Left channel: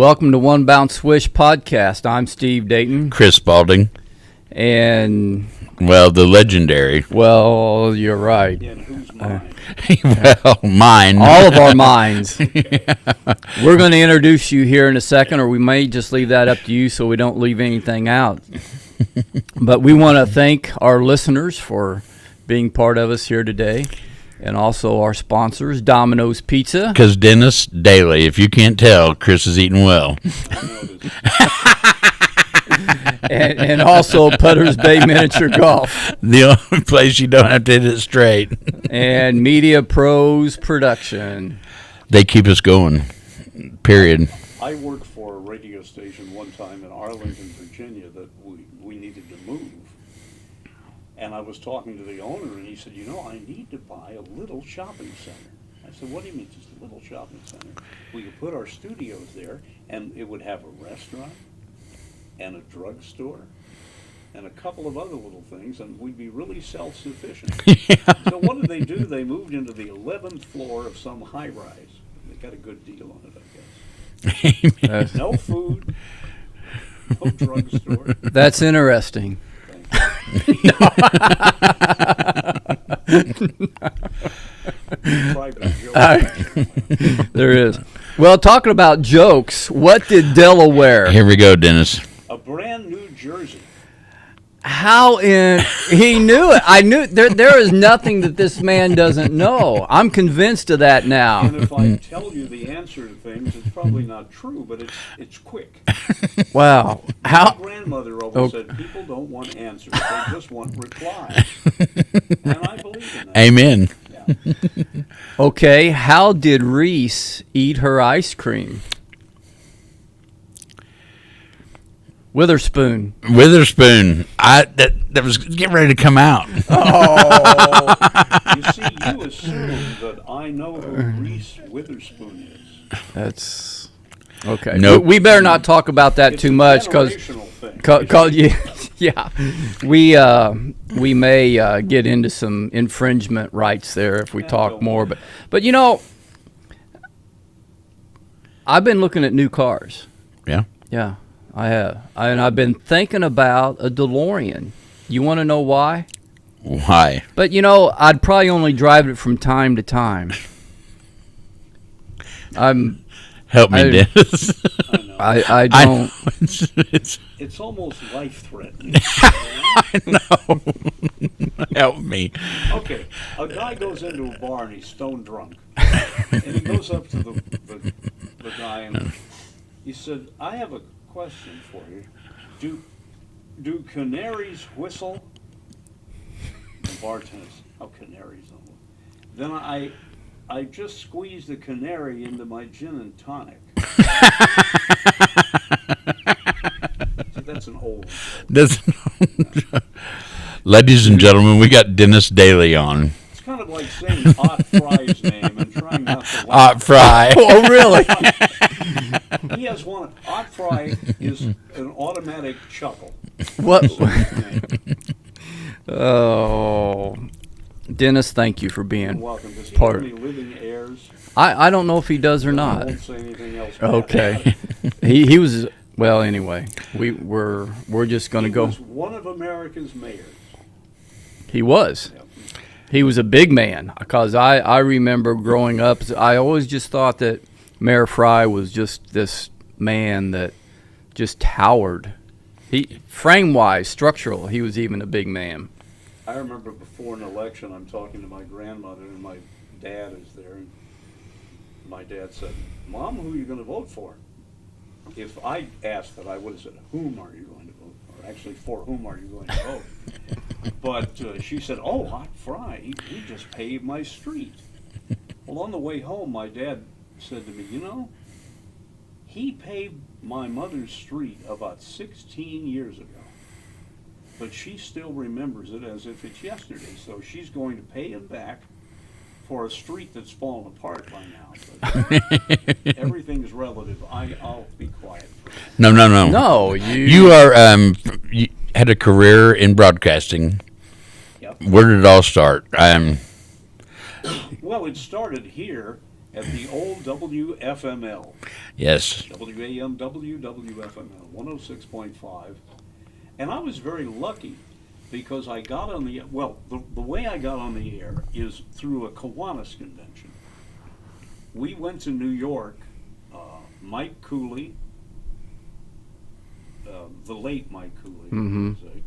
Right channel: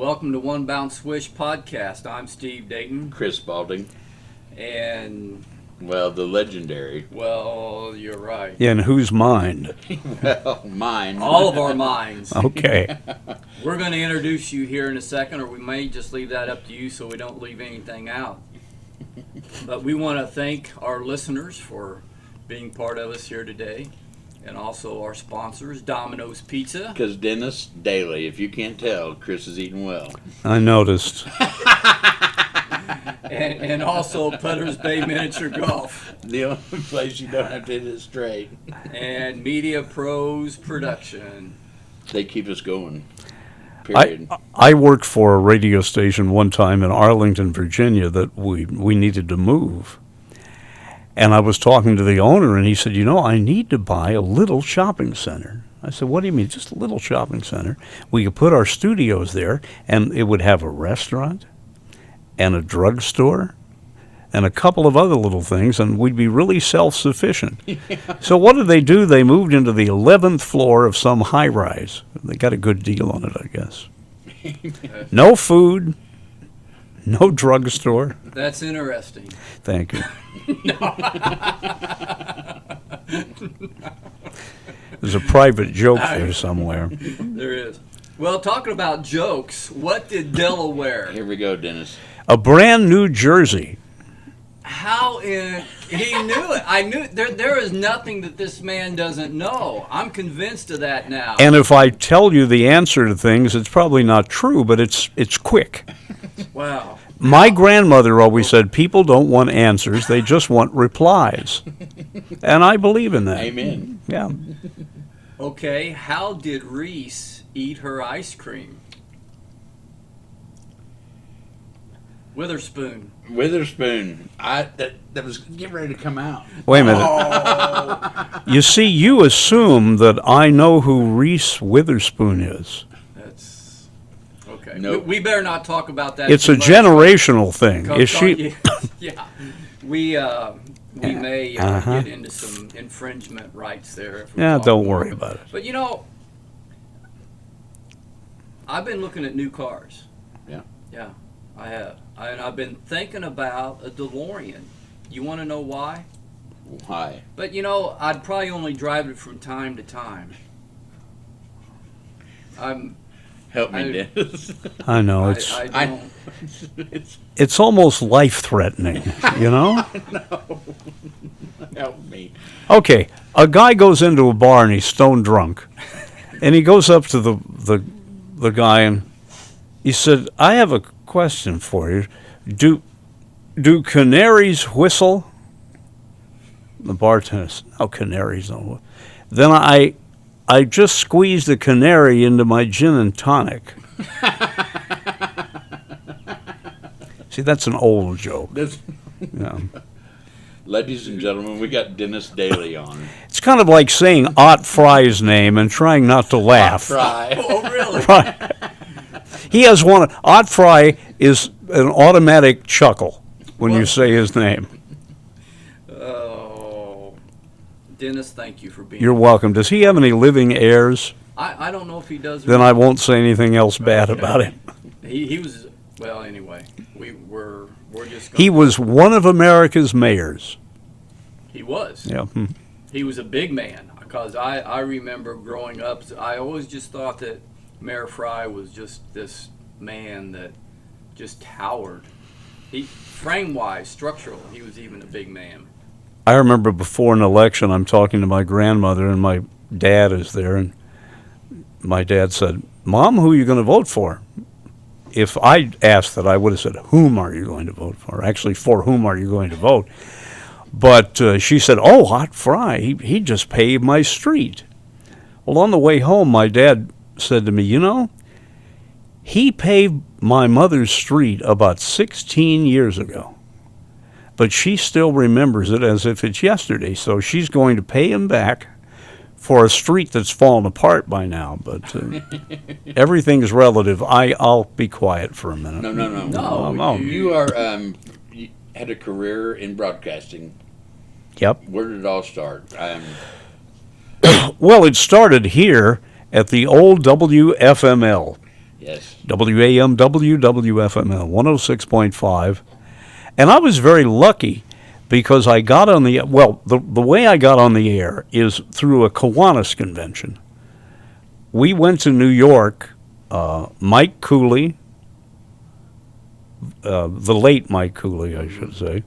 Welcome to One Bounce Swish podcast. I'm Steve Dayton. Chris Spalding. And... Well, the legendary. Well, you're right. And whose mind? Well, mine. All of our minds. Okay. We're going to introduce you here in a second, or we may just leave that up to you so we don't leave anything out. But we want to thank our listeners for being part of us here today. And also our sponsors, Domino's Pizza. Because Dennis Daly, if you can't tell, Chris is eating well. I noticed. and also Putter's Bay Miniature Golf. The only place you don't have to hit it straight. And Media Pros Production. They keep us going, period. I worked for a radio station one time in Arlington, Virginia that we needed to move. And I was talking to the owner, and he said, I need to buy a little shopping center. I said, what do you mean, just a little shopping center? We could put our studios there, and it would have a restaurant and a drugstore and a couple of other little things, and we'd be really self-sufficient. Yeah. So what did they do? They moved into the 11th floor of some high-rise. They got a good deal on it, I guess. No food. No drugstore. That's interesting. Thank you. There's a private joke there somewhere. There is. Well, talking about jokes, what did Delaware? Here we go, Dennis. A brand new jersey. He knew it. I knew there is nothing that this man doesn't know. I'm convinced of that now. And if I tell you the answer to things, it's probably not true, but it's quick. Wow. My grandmother always said people don't want answers, they just want replies. And I believe in that. Amen. Yeah. Okay, how did Reese eat her ice cream? Witherspoon. That was getting ready to come out. Wait a minute. Oh. You see, you assume that I know who Reese Witherspoon is. That's okay. Nope. We better not talk about that it's too much. It's a generational thing. Yeah. We may get into some infringement rights there if we talk don't more. Worry about it. But I've been looking at new cars. Yeah. Yeah. I have. And I've been thinking about a DeLorean. You want to know why? Why? But, I'd probably only drive it from time to time. Help me, Dennis. I know. I don't. It's almost life-threatening, I know. Help me. Okay, a guy goes into a bar and he's stone drunk. And he goes up to the guy and he said, I have a question for you. Do canaries whistle? The bartender said, no, canaries don't whistle. Then I just squeezed a canary into my gin and tonic. See, that's an old joke. No. Ladies and gentlemen, we got Dennis Daly on. It's kind of like saying Ott Fry's name and trying not to laugh. Ott Fry. Oh, really? He has one. Ott Fry is an automatic chuckle when you say his name. Oh, Dennis, thank you for being. You're welcome. Does he have any living heirs? I don't know if he does or then not. I won't say anything else bad about him. He was. Well, anyway, we're just going. He was one of America's mayors. He was. Yeah. He was a big man because I remember growing up. I always just thought that Mayor Fry was just this man that just towered. Frame-wise, structural, he was even a big man. I remember before an election, I'm talking to my grandmother, and my dad is there, and my dad said, Mom, who are you going to vote for? If I asked that, I would have said, whom are you going to vote for? Actually, for whom are you going to vote? But she said, Ott Fry, he just paved my street. Well, on the way home, my dad said to me, he paved my mother's street about 16 years ago. But she still remembers it as if it's yesterday, so she's going to pay him back for a street that's fallen apart by now. But everything's relative. I'll be quiet for a minute. No. No, You are you had a career in broadcasting. Yep. Where did it all start? Well, it started here at the old WFML. Yes. WAMW, WFML, 106.5. And I was very lucky because I got on the way I got on the air is through a Kiwanis convention. We went to New York, Mike Cooley, the late Mike Cooley, I should say,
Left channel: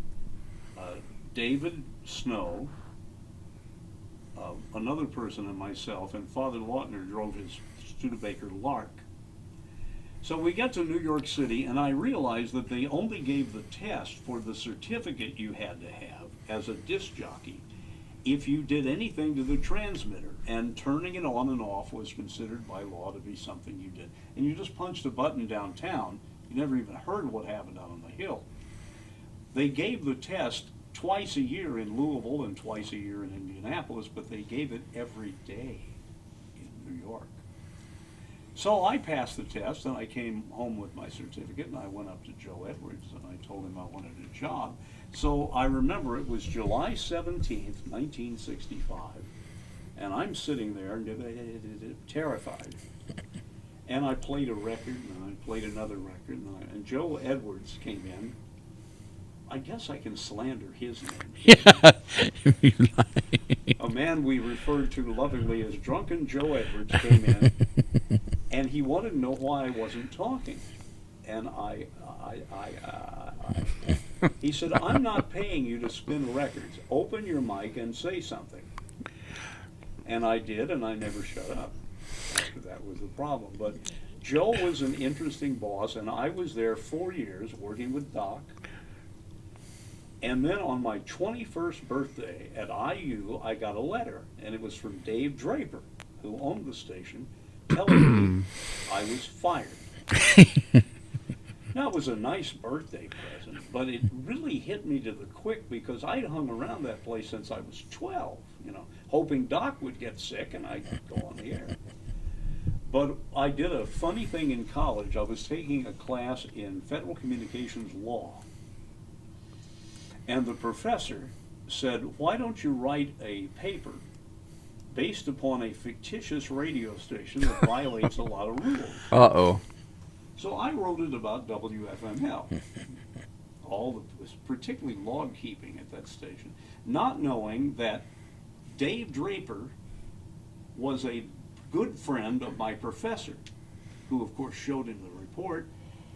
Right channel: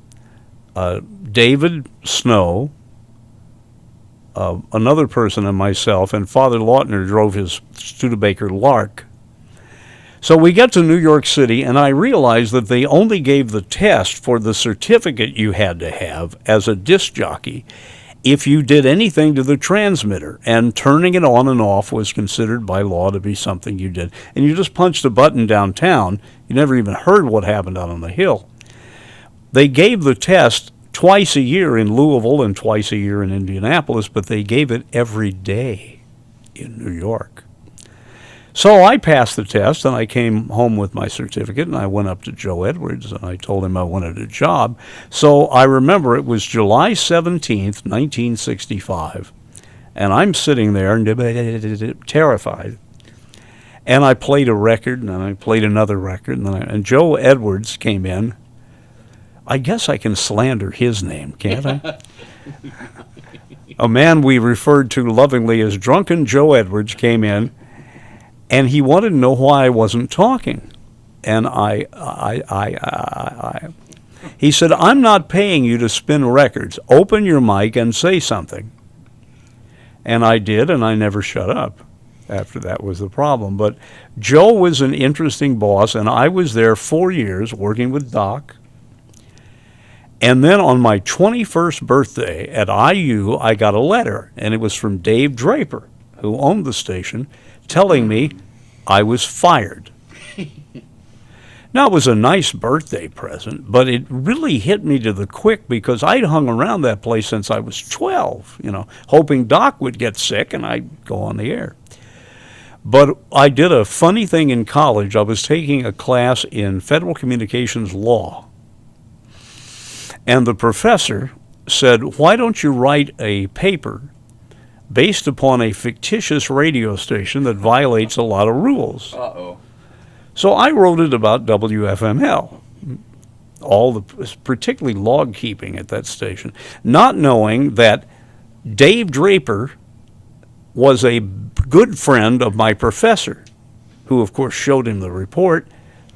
David Snow, another person and myself, and Father Lautner drove his Studebaker Lark. So we get to New York City, and I realized that they only gave the test for the certificate you had to have as a disc jockey if you did anything to the transmitter, and turning it on and off was considered by law to be something you did. And you just punched a button downtown. You never even heard what happened out on the hill. They gave the test twice a year in Louisville and twice a year in Indianapolis, but they gave it every day in New York. So I passed the test, and I came home with my certificate, and I went up to Joe Edwards, and I told him I wanted a job. So I remember it was July 17th, 1965, and I'm sitting there terrified. And I played a record, and I played another record, and Joe Edwards came in. I guess I can slander his name, can't I? A man we referred to lovingly as Drunken Joe Edwards came in, and he wanted to know why I wasn't talking. And he said, I'm not paying you to spin records. Open your mic and say something. And I did, and I never shut up. After that was the problem. But Joe was an interesting boss, and I was there 4 years working with Doc. And then on my 21st birthday at IU, I got a letter, and it was from Dave Draper, who owned the station, telling me I was fired. Now, it was a nice birthday present, but it really hit me to the quick because I'd hung around that place since I was 12, hoping Doc would get sick and I'd go on the air. But I did a funny thing in college. I was taking a class in federal communications law. And the professor said, why don't you write a paper based upon a fictitious radio station that violates a lot of rules? Uh-oh. So I wrote it about WFML, particularly log keeping at that station, not knowing that Dave Draper was a good friend of my professor, who of course showed him the report.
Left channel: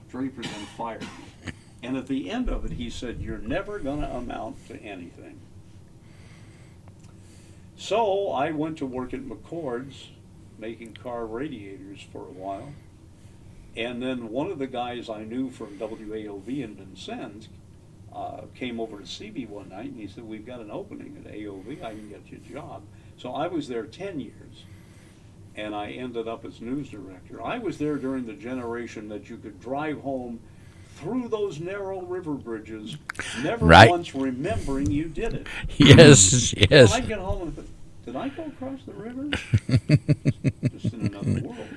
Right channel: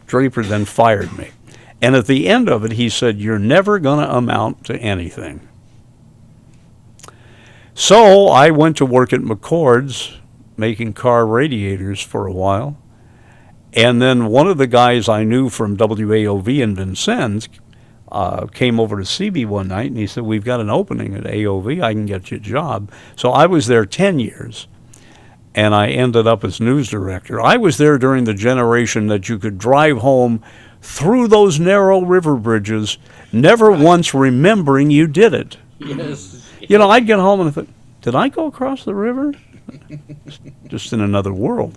Draper then fired me. And at the end of it, he said, you're never going to amount to anything. So I went to work at McCord's, making car radiators for a while. And then one of the guys I knew from WAOV in Vincennes came over to see me one night, and he said, we've got an opening at AOV. I can get you a job. So I was there 10 years, and I ended up as news director. I was there during the generation that you could drive home through those narrow river bridges, never once remembering you did it. Yes, yes. I'd get home and I thought, did I go across the river? Just in another world.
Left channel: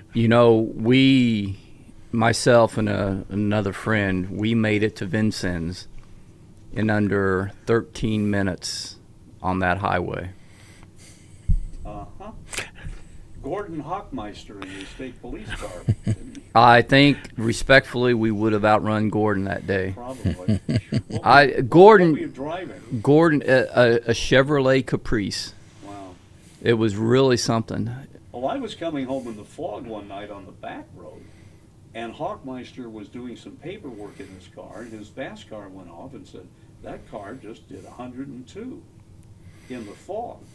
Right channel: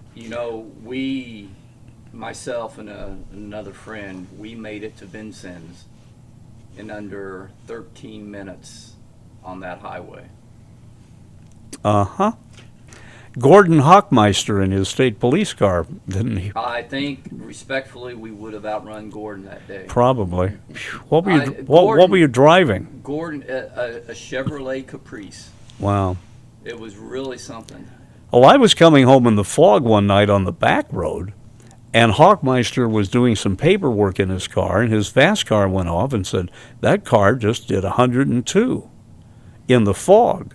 Myself and another friend, we made it to Vincennes in under 13 minutes on that highway. Uh-huh. Gordon Hockmeister in his state police car, didn't he? I think, respectfully, we would have outrun Gordon that day. Probably. What were you driving? Gordon, a Chevrolet Caprice. Wow. It was really something. Well, I was coming home in the fog one night on the back road, and Hockmeister was doing some paperwork in his car, and his fast car went off and said, that car just did 102 in the fog.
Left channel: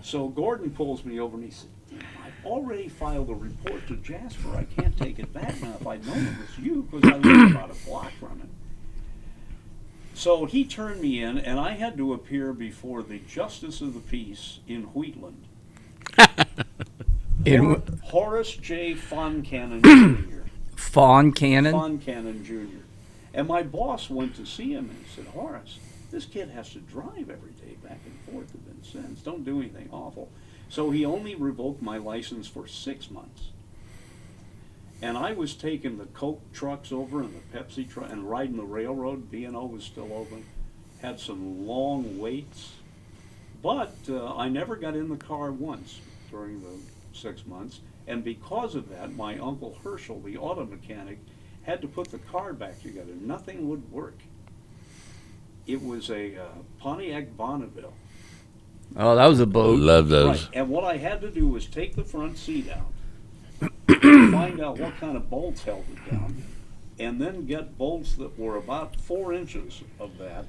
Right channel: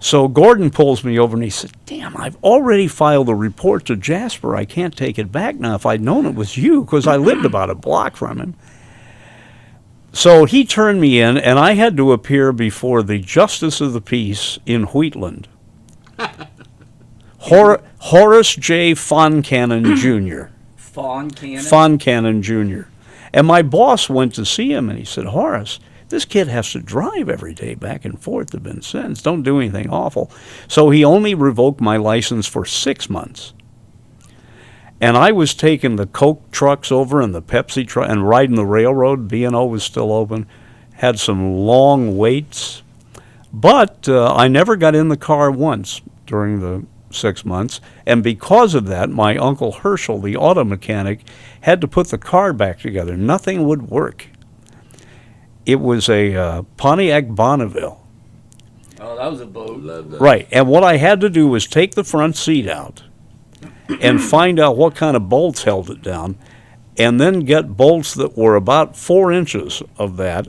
So Gordon pulls me over and he said, damn, I've already filed a report to Jasper. I can't take it back now. If I'd known it was you, because I lived about a block from him. So he turned me in, and I had to appear before the Justice of the Peace in Wheatland. Horace J. Foncannon Jr. Foncannon? Foncannon Jr. And my boss went to see him, and he said, Horace, this kid has to drive every day back and forth to Vincennes. Don't do anything awful. So he only revoked my license for 6 months. And I was taking the Coke trucks over and the Pepsi truck and riding the railroad. B&O was still open. Had some long waits. But I never got in the car once during the 6 months. And because of that, my Uncle Herschel, the auto mechanic, had to put the car back together. Nothing would work. It was a Pontiac Bonneville. Oh, that was a boat. Love those. Right. And what I had to do was take the front seat out and find out what kind of bolts held it down, and then get bolts that were about 4 inches of that,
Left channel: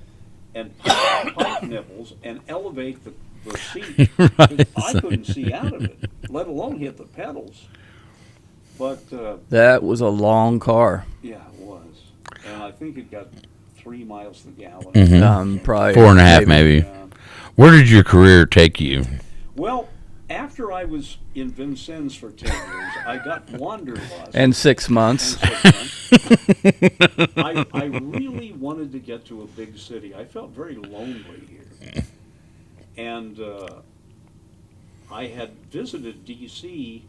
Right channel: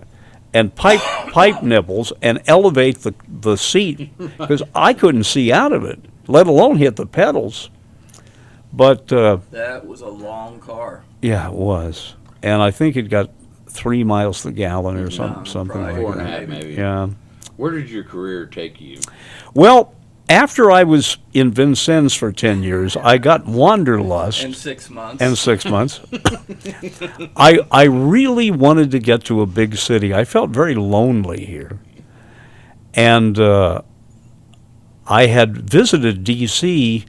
and pipe nipples, and elevate the seat, because I couldn't see out of it, let alone hit the pedals. But That was a long car. yeah, it was. And I think it got 3 miles to the gallon or something. Probably. 4.5 maybe. Yeah. Where did your career take you? Well, after I was in Vincennes for 10 years, I got wanderlust. And 6 months. And 6 months. I really wanted to get to a big city. I felt very lonely here. And I had visited D.C.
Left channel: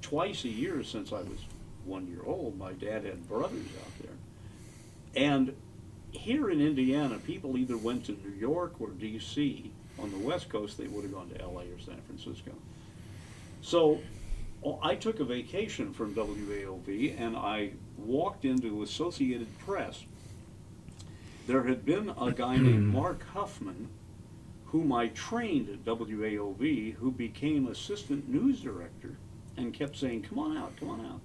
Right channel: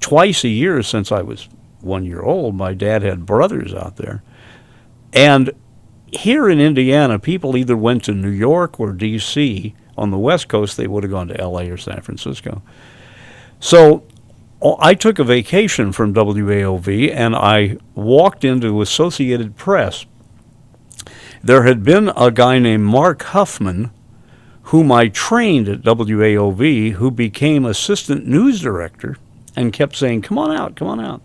twice a year since I was 1 year old. My dad had brothers out there. And here in Indiana, people either went to New York or D.C. On the West Coast, they would have gone to L.A. or San Francisco. So I took a vacation from WAOV, and I walked into Associated Press. There had been a guy named Mark Huffman, whom I trained at WAOV, who became assistant news director and kept saying, "Come on out, come on out."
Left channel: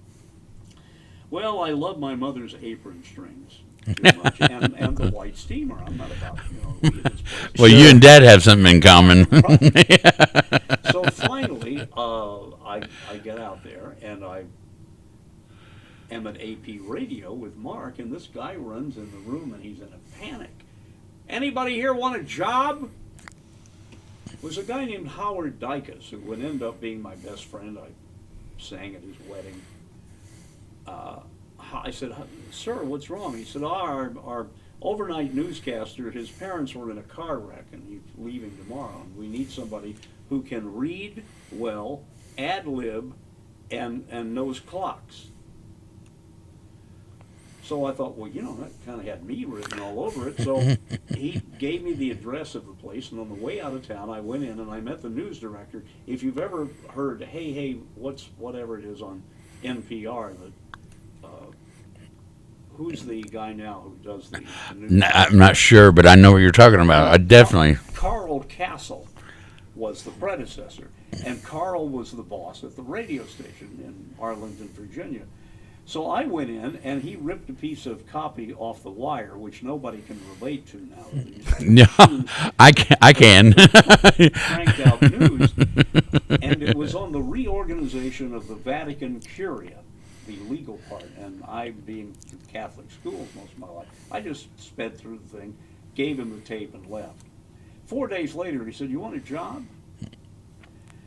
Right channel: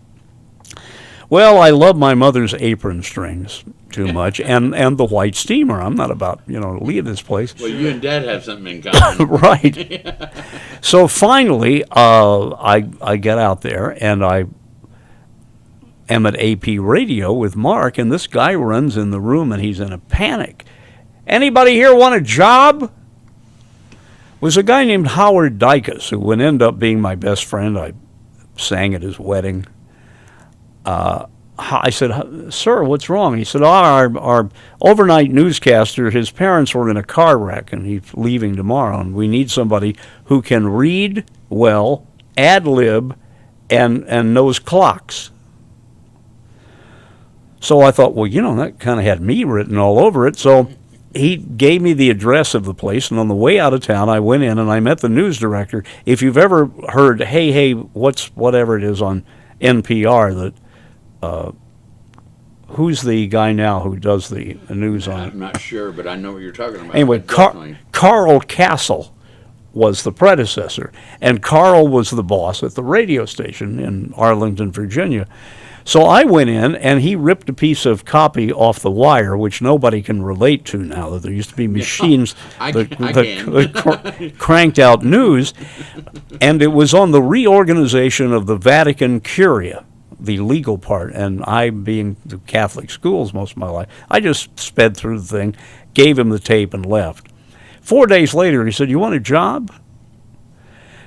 Well, I love my mother's apron strings too much, and the white steamer. I'm not about, leave this place. Well, you and Dad have something in common. Right. So finally, I get out there, and I am at AP Radio with Mark, and this guy runs in the room, and he's in a panic. "Anybody here want a job?" It was a guy named Howard Dykus, who would end up being my best friend. I sang at his wedding. I said, "Sir, what's wrong?" He said, our overnight newscaster, his parents were in a car wreck, and he's leaving tomorrow, and we need somebody who can read well, ad-lib, and knows clocks. So I thought, well, that kind of had me written all over it. So he gave me the address of the place, and on the way out of town, I went in and I met the news director. If you've ever heard, hey, whatever it is on NPR, that who's the guy now who does the news? I'm not sure, but I know what you're talking about. Anyway, I definitely. Carl Castle was the predecessor, and Carl was the boss at the radio station in Arlington, Virginia. So I went in, and he ripped a piece of copy off the wire, which nobody can relate to now, that there used to be machines I can. that cranked out news, and it was on the reorganization of the Vatican Curia, the legal part, and I, being the Catholic schools most of my life, I just sped through the thing, gave him the tape, and left. 4 days later, he said, "You want a job?"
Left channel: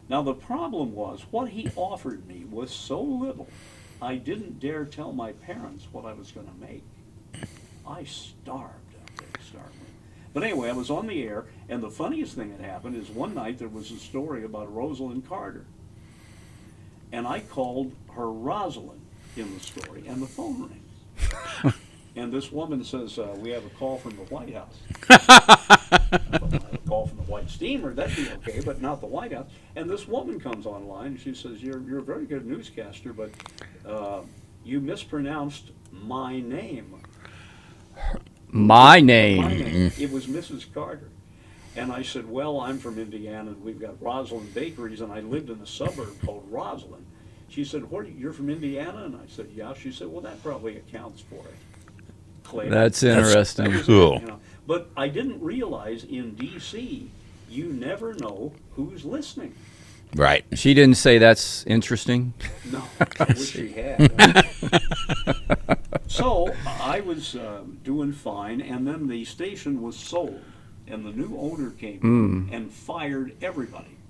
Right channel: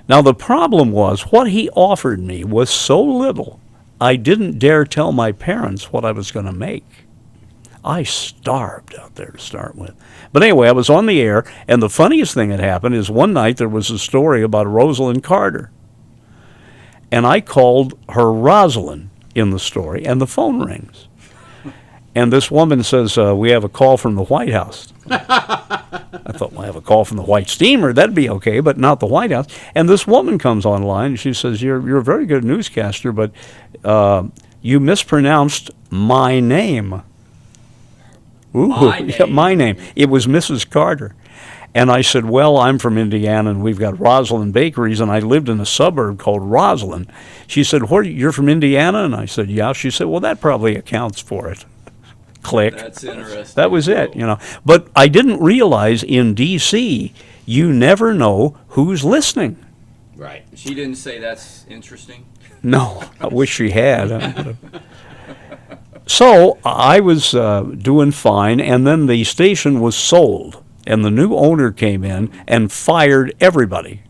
Now, the problem was, what he offered me was so little, I didn't dare tell my parents what I was going to make. I starved out there to start with. But anyway, I was on the air, and the funniest thing that happened is one night there was a story about Rosalind Carter. And I called her Rosalind in the story, and the phone rings. And this woman says, "We have a call from the White House." I thought, well, I have a call from the White Steamer. That'd be okay, but not the White House. And this woman comes online, and she says, you're a very good newscaster, but you mispronounced my name. My name. My name. It was Mrs. Carter. And I said, well, I'm from Indiana, and we've got Rosalind Bakeries, and I lived in a suburb called Roslyn. She said, you're from Indiana? And I said, yeah. She said, well, that probably accounts for it. Click. That's interesting. That was Cool. it, But I didn't realize in D.C., you never know who's listening. Right. She didn't say that's interesting. No, I wish she had. So I was doing fine, and then the station was sold, and the new owner came in and fired everybody.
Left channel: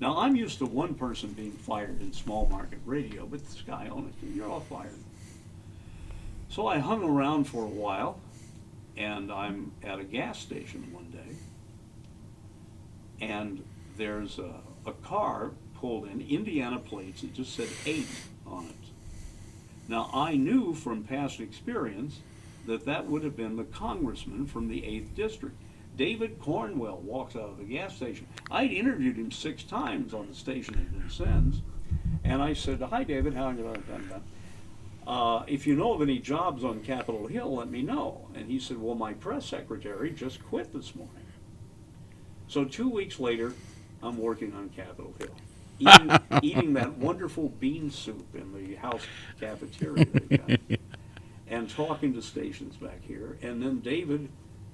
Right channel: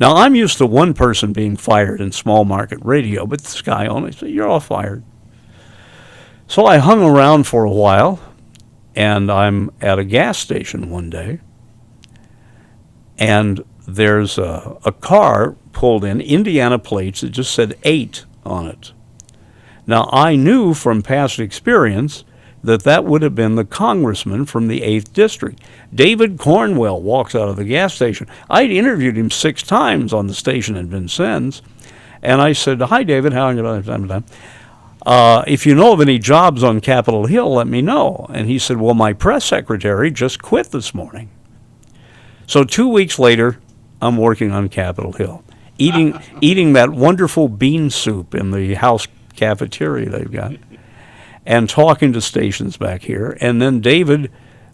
Now, I'm used to one person being fired in small market radio, but this guy only said, you're all fired. So I hung around for a while, and I'm at a gas station one day, and there's a car pulled in, Indiana plates, that just said 8 on it. Now, I knew from past experience that would have been the congressman from the 8th District. David Cornwell walks out of the gas station. I'd interviewed him 6 times on the station in Vincennes, and I said, "Hi, David, how are you? If you know of any jobs on Capitol Hill, let me know." And he said, "Well, my press secretary just quit this morning." So 2 weeks later, I'm working on Capitol Hill, eating that wonderful bean soup in the house cafeteria they've got, and talking to stations back here. And then David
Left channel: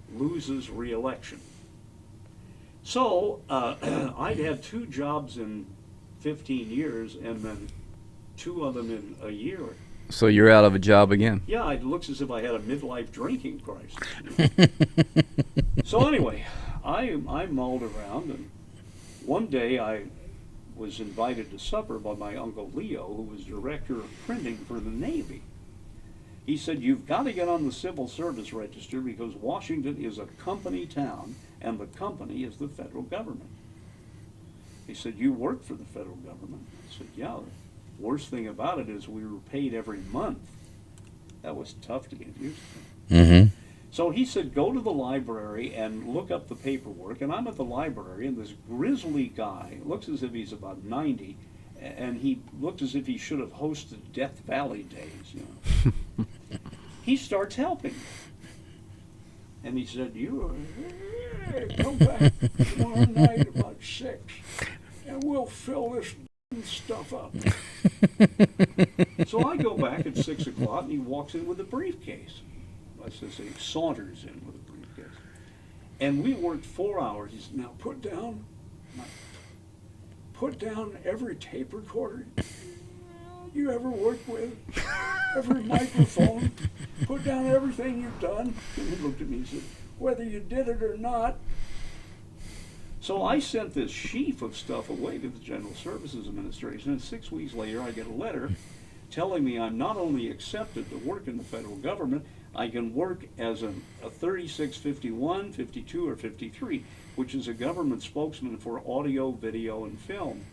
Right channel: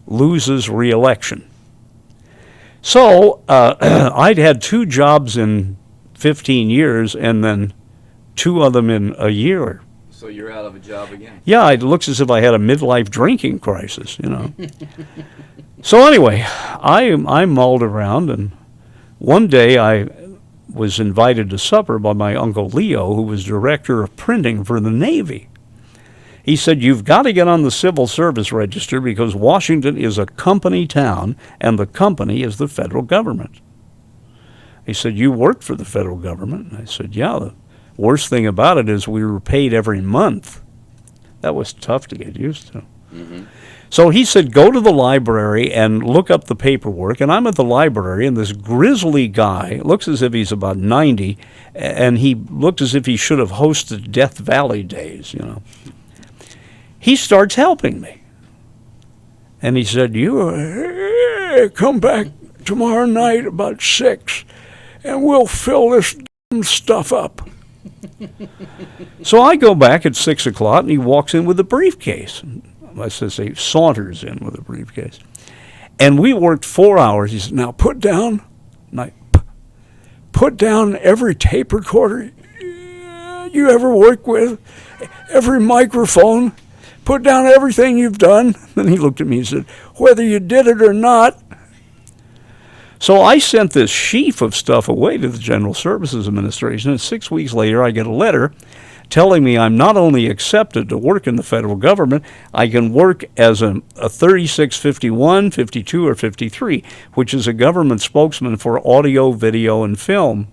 loses re-election. So I'd had 2 jobs in 15 years, and then 2 of them in a year. So you're out of a job again. Yeah, it looks as if I had a midlife drinking crisis, you know. So anyway, I mulled around, and one day I was invited to supper by my Uncle Leo, who was director of printing for the Navy. He said, "You've got to get on the civil service register because Washington is a company town, and the company is the federal government." He said, "You work for the federal government?" And I said, "Yeah, the worst thing about it is we were paid every month." That was tough to get used to. Mm-hmm. So he said, "Go to the library and look up the paperwork." And I'm at the library, and this grizzly guy looks as if he's about 90, and he looked as if he should have hosted Death Valley days, you know. He starts helping me. And he said, "You come back tomorrow night about 6, and we'll fill this stuff up." So I go back at 6 o'clock, and he walks in with a briefcase. I said, he saunters in with a briefcase. And we worked 4 hours. He said, "Now put down every tape recorder you ever worked with, every microphone. Put down everything you've done." And he looked at me and said, "Whether you did it or not." So I sent this sheaf of stuff away to the General Services Administration, and 6 weeks later I get a letter telling me I'm not only accepted to work in the federal government, I can work as a 3651, 52, or 53, which is a government spokesman for audio, video, and film,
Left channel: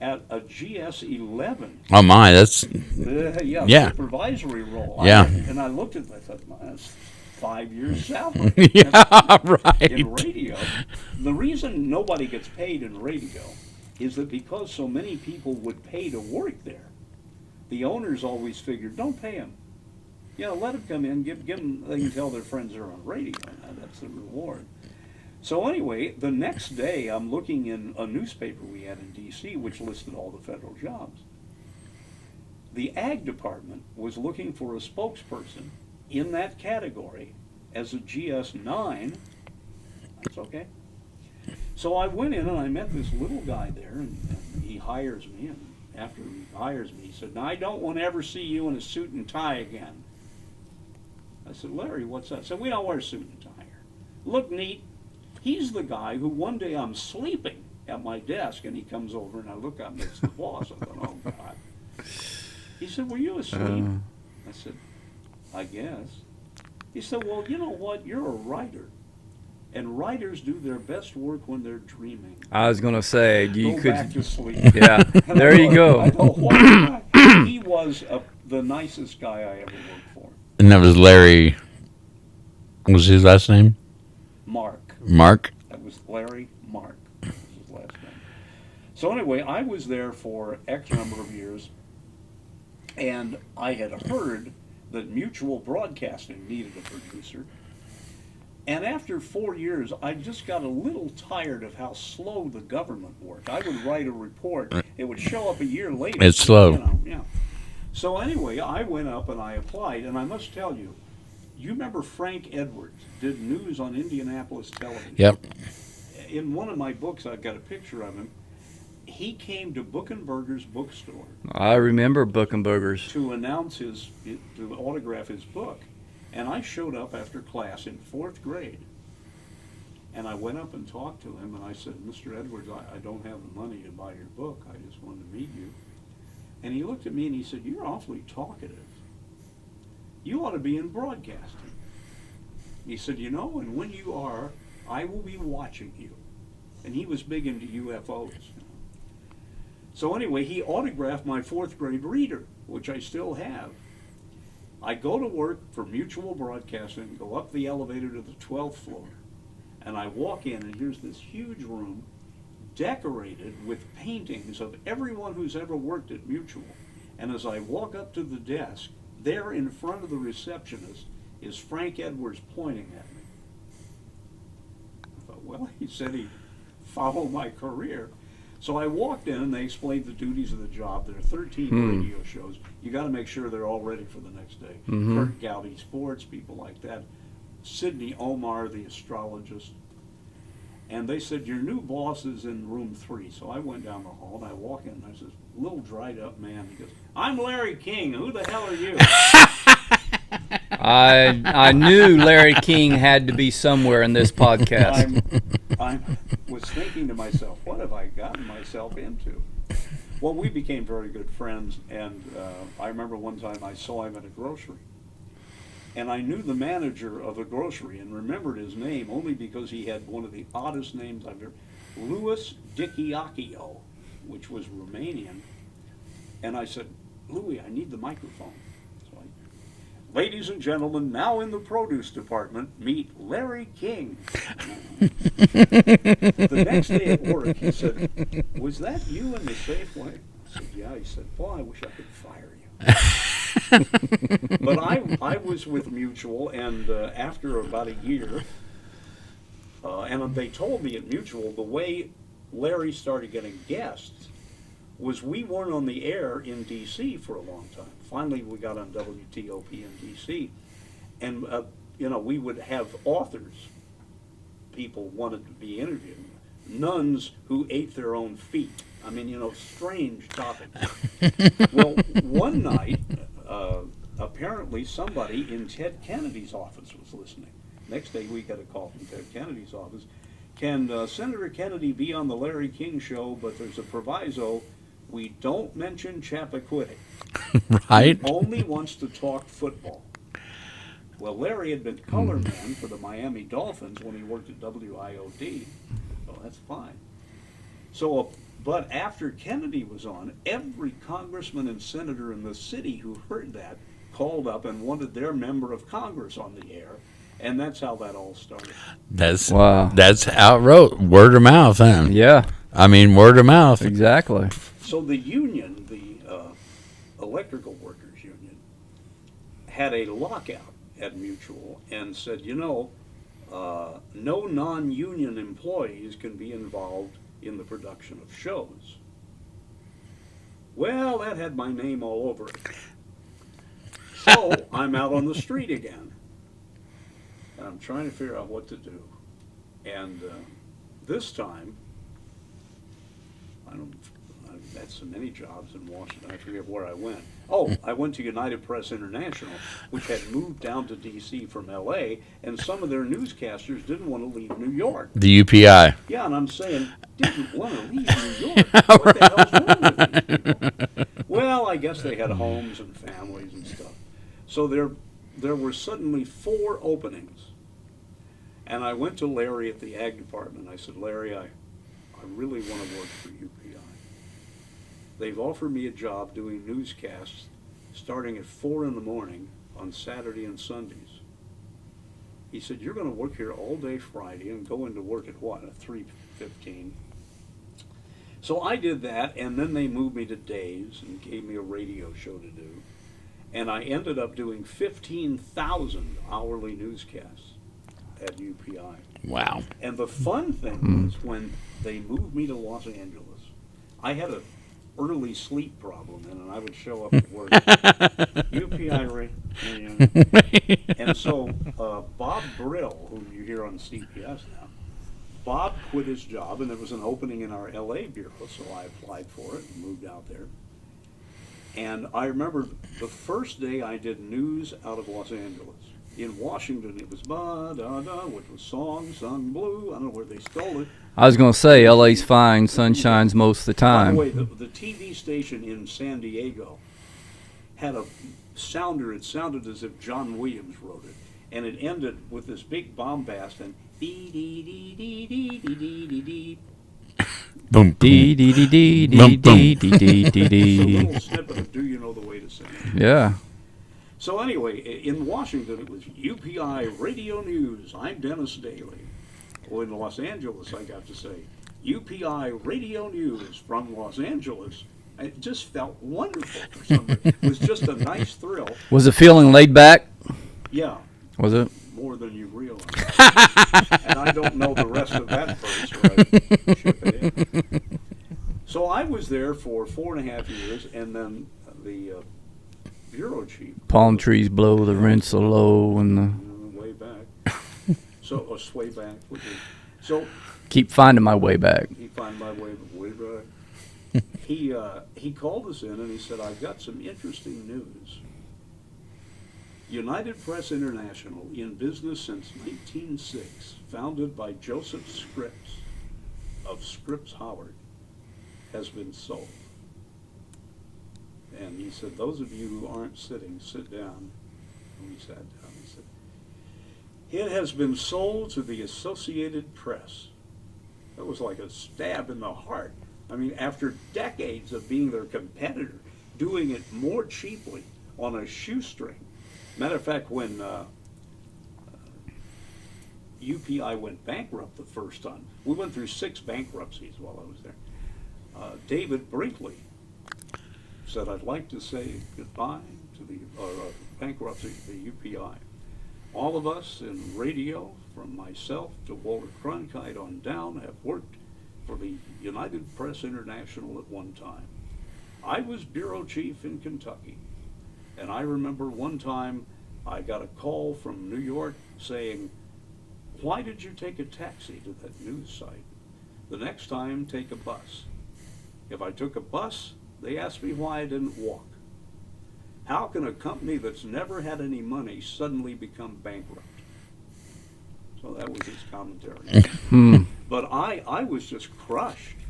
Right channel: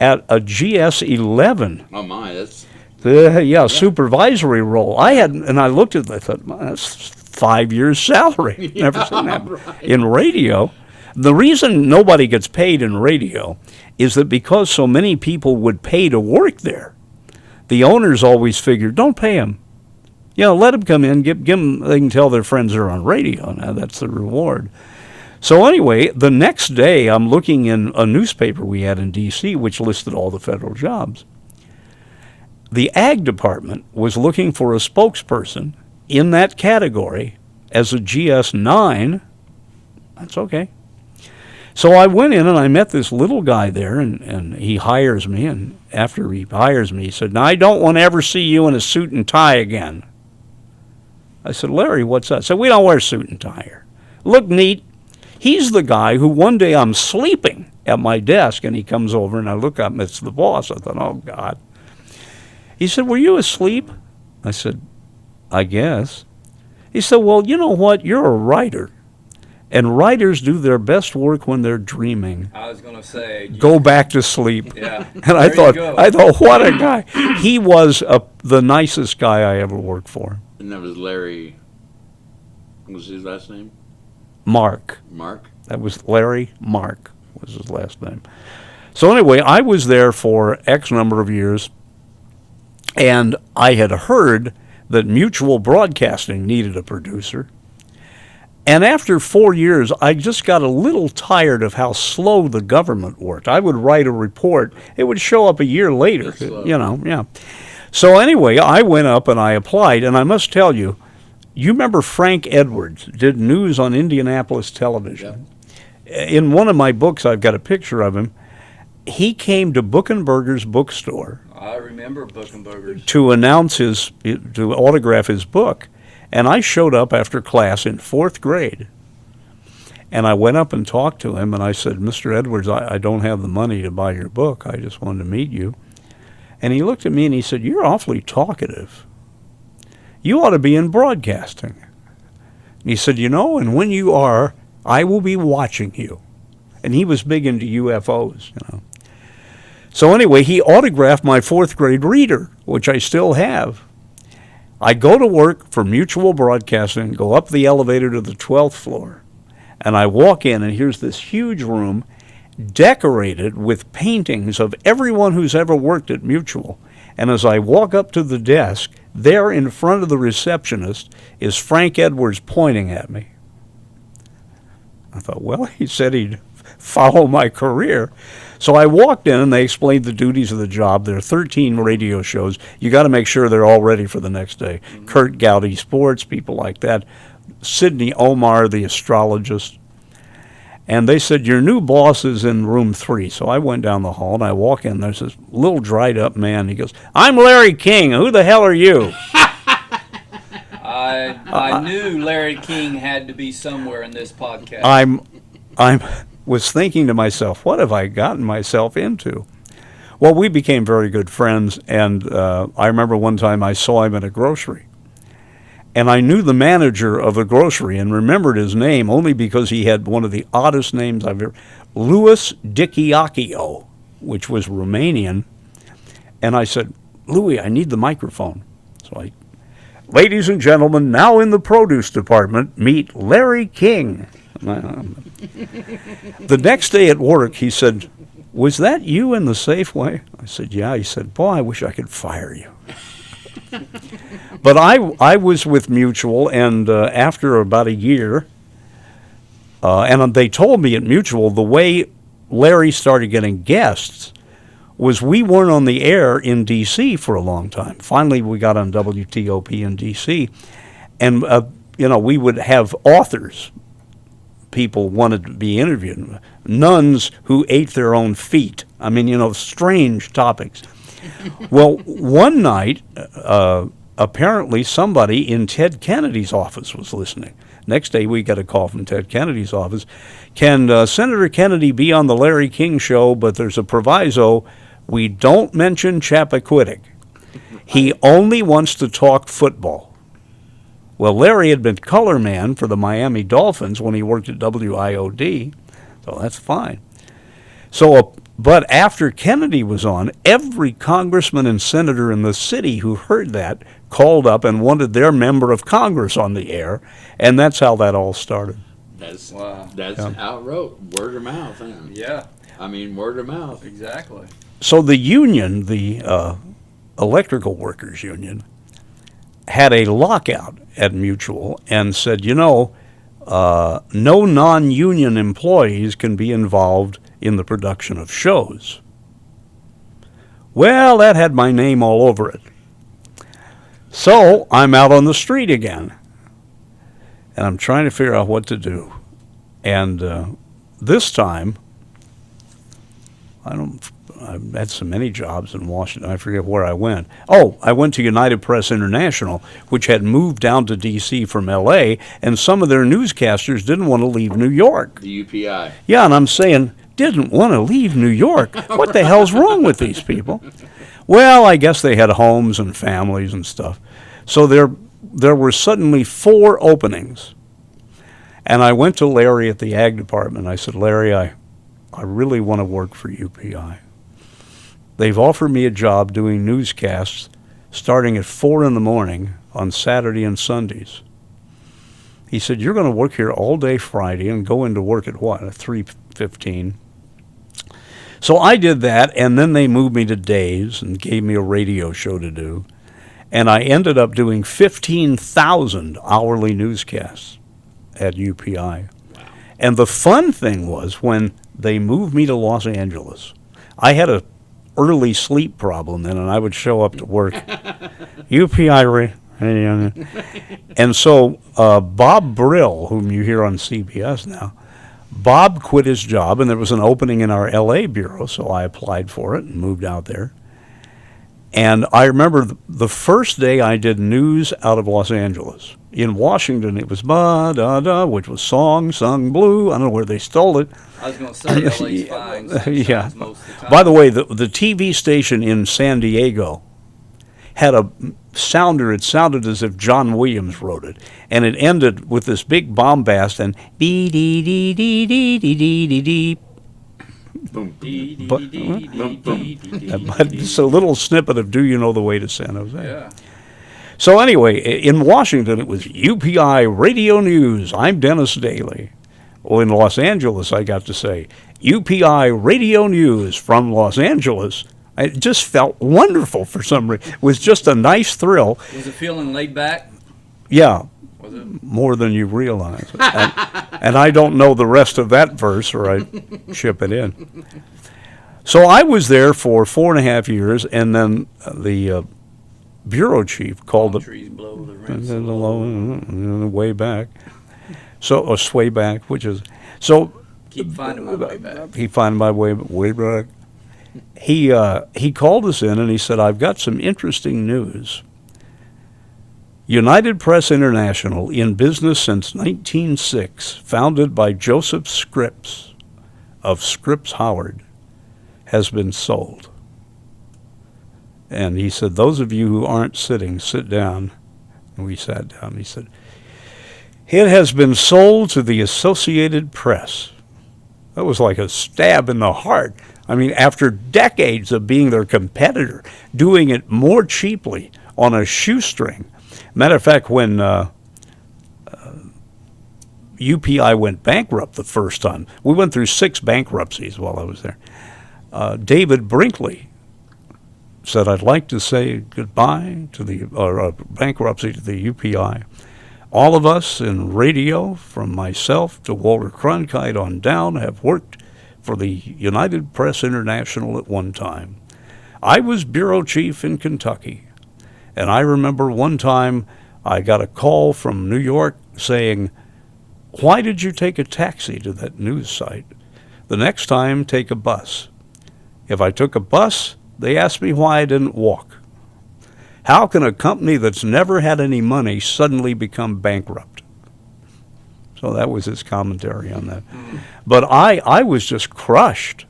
at a GS-11. Oh my, that's Yeah, supervisory role. Yeah. I looked at it, I thought, "Well, that's 5 years' salary." Never seen that right. in radio. The reason nobody gets paid in radio is that because so many people would pay to work there, the owners always figured, don't pay them. You know, let them come in, give them, they can tell their friends they're on radio. Now that's the reward. So anyway, the next day I'm looking in a newspaper we had in D.C. which listed all the federal jobs. The Ag Department was looking for a spokesperson in that category as a GS-9. That's okay. So I went in and I met this little guy there, and he hires me, and after he hires me, he said, "Now, I don't want to ever see you in a suit and tie again." I said, "Larry, what's that?" I said, "We don't wear suit and tie here. Look neat." He's the guy who one day I'm sleeping at my desk, and he comes over, and I look up, and it's the boss. I thought, oh, God. He said, "Were you asleep?" I said, "I guess." He said, "Well, you know what? You're a writer. And writers do their best work when they're dreaming. I was going to say, Go back to sleep." Yeah. And There you go. I thought, what a guy. He was the nicest guy I ever worked for. And that was Larry. What was his last name? Mark. Mark? That was Larry Mark was his last name. So anyway, I was there for X number of years, and I had heard that Mutual Broadcasting needed a producer. And after 4 years, I just got a little tired of how slow the government worked. I would write a report. It would show up a year later. It's slow. You know, yeah. So anyway, I went up and I applied, and I must tell you, you remember Frank Edwards did news on Indianapolis television. Yep. In one of my books, I've got a picture of him. He came to Buchenberger's bookstore I remember Buchenberger's. to to autograph his book. And I showed up after class in 4th grade. And I went up and talked to him, and I said, "Mr. Edwards, I don't have the money to buy your book. I just wanted to meet you." And he looked at me and he said, "You're awfully talkative. You ought to be in broadcasting." And he said, "You know, and when you are, I will be watching you." And he was big into UFOs, you know. So anyway, he autographed my 4th grade reader, which I still have. I go to work for Mutual Broadcasting, go up the elevator to the 12th floor, and I walk in, and here's this huge room decorated with paintings of everyone who's ever worked at Mutual. And as I walk up to the desk, there in front of the receptionist is Frank Edwards pointing at me. I thought, well, he said he'd follow my career. So I walked in, and they explained the duties of the job. There are 13 radio shows. You got to make sure they're all ready for the next day. Kurt Gowdy Sports, people like that. Sidney Omar, the astrologist. And they said, your new boss is in room 3. So I went down the hall, and I walk in. There's this little dried-up man. He goes, I'm Larry King. Who the hell are you? I knew Larry King had to be somewhere in this podcast. I was thinking to myself, what have I gotten myself into? Well, we became very good friends, and I remember one time I saw him at a grocery. And I knew the manager of the grocery and remembered his name only because he had one of the oddest names I've ever, Louis Dikiakio, which was Romanian. And I said, Louis, I need the microphone. So ladies and gentlemen, now in the produce department, meet Larry King. The next day at work, he said, was that you in the Safeway? I said, yeah. He said, boy, I wish I could fire you. But I was with Mutual, and after about a year, and they told me at Mutual the way Larry started getting guests was we weren't on the air in D.C. for a long time. Finally, we got on WTOP in D.C., and we would have authors. People wanted to be interviewed. Nuns who ate their own feet. I mean, strange topics. Well, one night, apparently somebody in Ted Kennedy's office was listening. Next day, we got a call from Ted Kennedy's office. Can Senator Kennedy be on the Larry King show, but there's a proviso. We don't mention Chappaquiddick. Right. He only wants to talk football. Well, Larry had been color man for the Miami Dolphins when he worked at WIOD, so that's fine. So, but after Kennedy was on, every congressman and senator in the city who heard that called up and wanted their member of Congress on the air, and that's how that all started. That's wow. That's how it wrote. Word of mouth, huh? Yeah. I mean, word of mouth. Exactly. So the union, the electrical workers union, had a lockout at Mutual and said, no non-union employees can be involved in the production of shows. Well, that had my name all over it. So I'm out on the street again, and I'm trying to figure out what to do. And this time, I've had so many jobs in Washington, I forget where I went. Oh, I went to United Press International, which had moved down to D.C. from L.A., and some of their newscasters didn't want to leave New York. The UPI. Yeah, and I'm saying, didn't want to leave New York. What the hell's wrong with these people? Well, I guess they had homes and families and stuff. So there were suddenly 4 openings. And I went to Larry at the Ag Department. I said, Larry, I really want to work for UPI. They've offered me a job doing newscasts starting at 4 in the morning on Saturday and Sundays. He said, you're going to work here all day Friday and go into work at what, at 3:15. So I did that, and then they moved me to days and gave me a radio show to do. And I ended up doing 15,000 hourly newscasts at UPI. Wow. And the fun thing was when they moved me to Los Angeles, I had a early sleep problem then, and I would show up to work. UPI. And so Bob Brill, whom you hear on CBS now, Bob quit his job, and there was an opening in our L.A. bureau, so I applied for it and moved out there. And I remember the first day I did news out of Los Angeles. In Washington, it was ba-da-da, which was song, sung blue. I don't know where they stole it. I was going to say, LA's fine, sun shines most of the time. By the way, the TV station in San Diego had a sounder. It sounded as if John Williams wrote it. And it ended with this big bombast and dee-dee-dee-dee-dee-dee-dee-dee. Boom, Dee, dee, dee, dee, dee, dee, dee, dee, dee. It's a little snippet of Do You Know the Way to San Jose? Yeah. So anyway, in Washington, it was UPI Radio News. I'm Dennis Daly. Well, in Los Angeles, I got to say, UPI Radio News from Los Angeles. It just felt wonderful for some reason. It was just a nice thrill. Was it feeling laid back? Yeah. Was it? More than you realize. And I don't know the rest of that verse, or I ship it in. So I was there for 4.5 years, and then the bureau chief called Palm trees blow, the rents are low. And way back. So, or sway back, which is, so. keep finding my way back. He found my way back. He called us in and he said, I've got some interesting news. United Press International, in business since 1906, founded by Joseph Scripps of Scripps Howard, has been sold. And he said, those of you who aren't sitting, sit down. And we sat down. He said, it has been sold to the Associated Press. That was like a stab in the heart. I mean, after decades of being their competitor, doing it more cheaply on a shoestring. Matter of fact, when UPI went bankrupt the first time, we went through 6 bankruptcies while I was there. David Brinkley said, I'd like to say goodbye to the bankruptcy to the UPI. All of us in radio, from myself to Walter Cronkite on down, have worked for the United Press International at one time. I was bureau chief in Kentucky, and I remember one time I got a call from New York saying, why did you take a taxi to that news site? The next time, take a bus. If I took a bus, they asked me why I didn't walk. How can a company that's never had any money suddenly become bankrupt? So that was his commentary on that. But I was just crushed.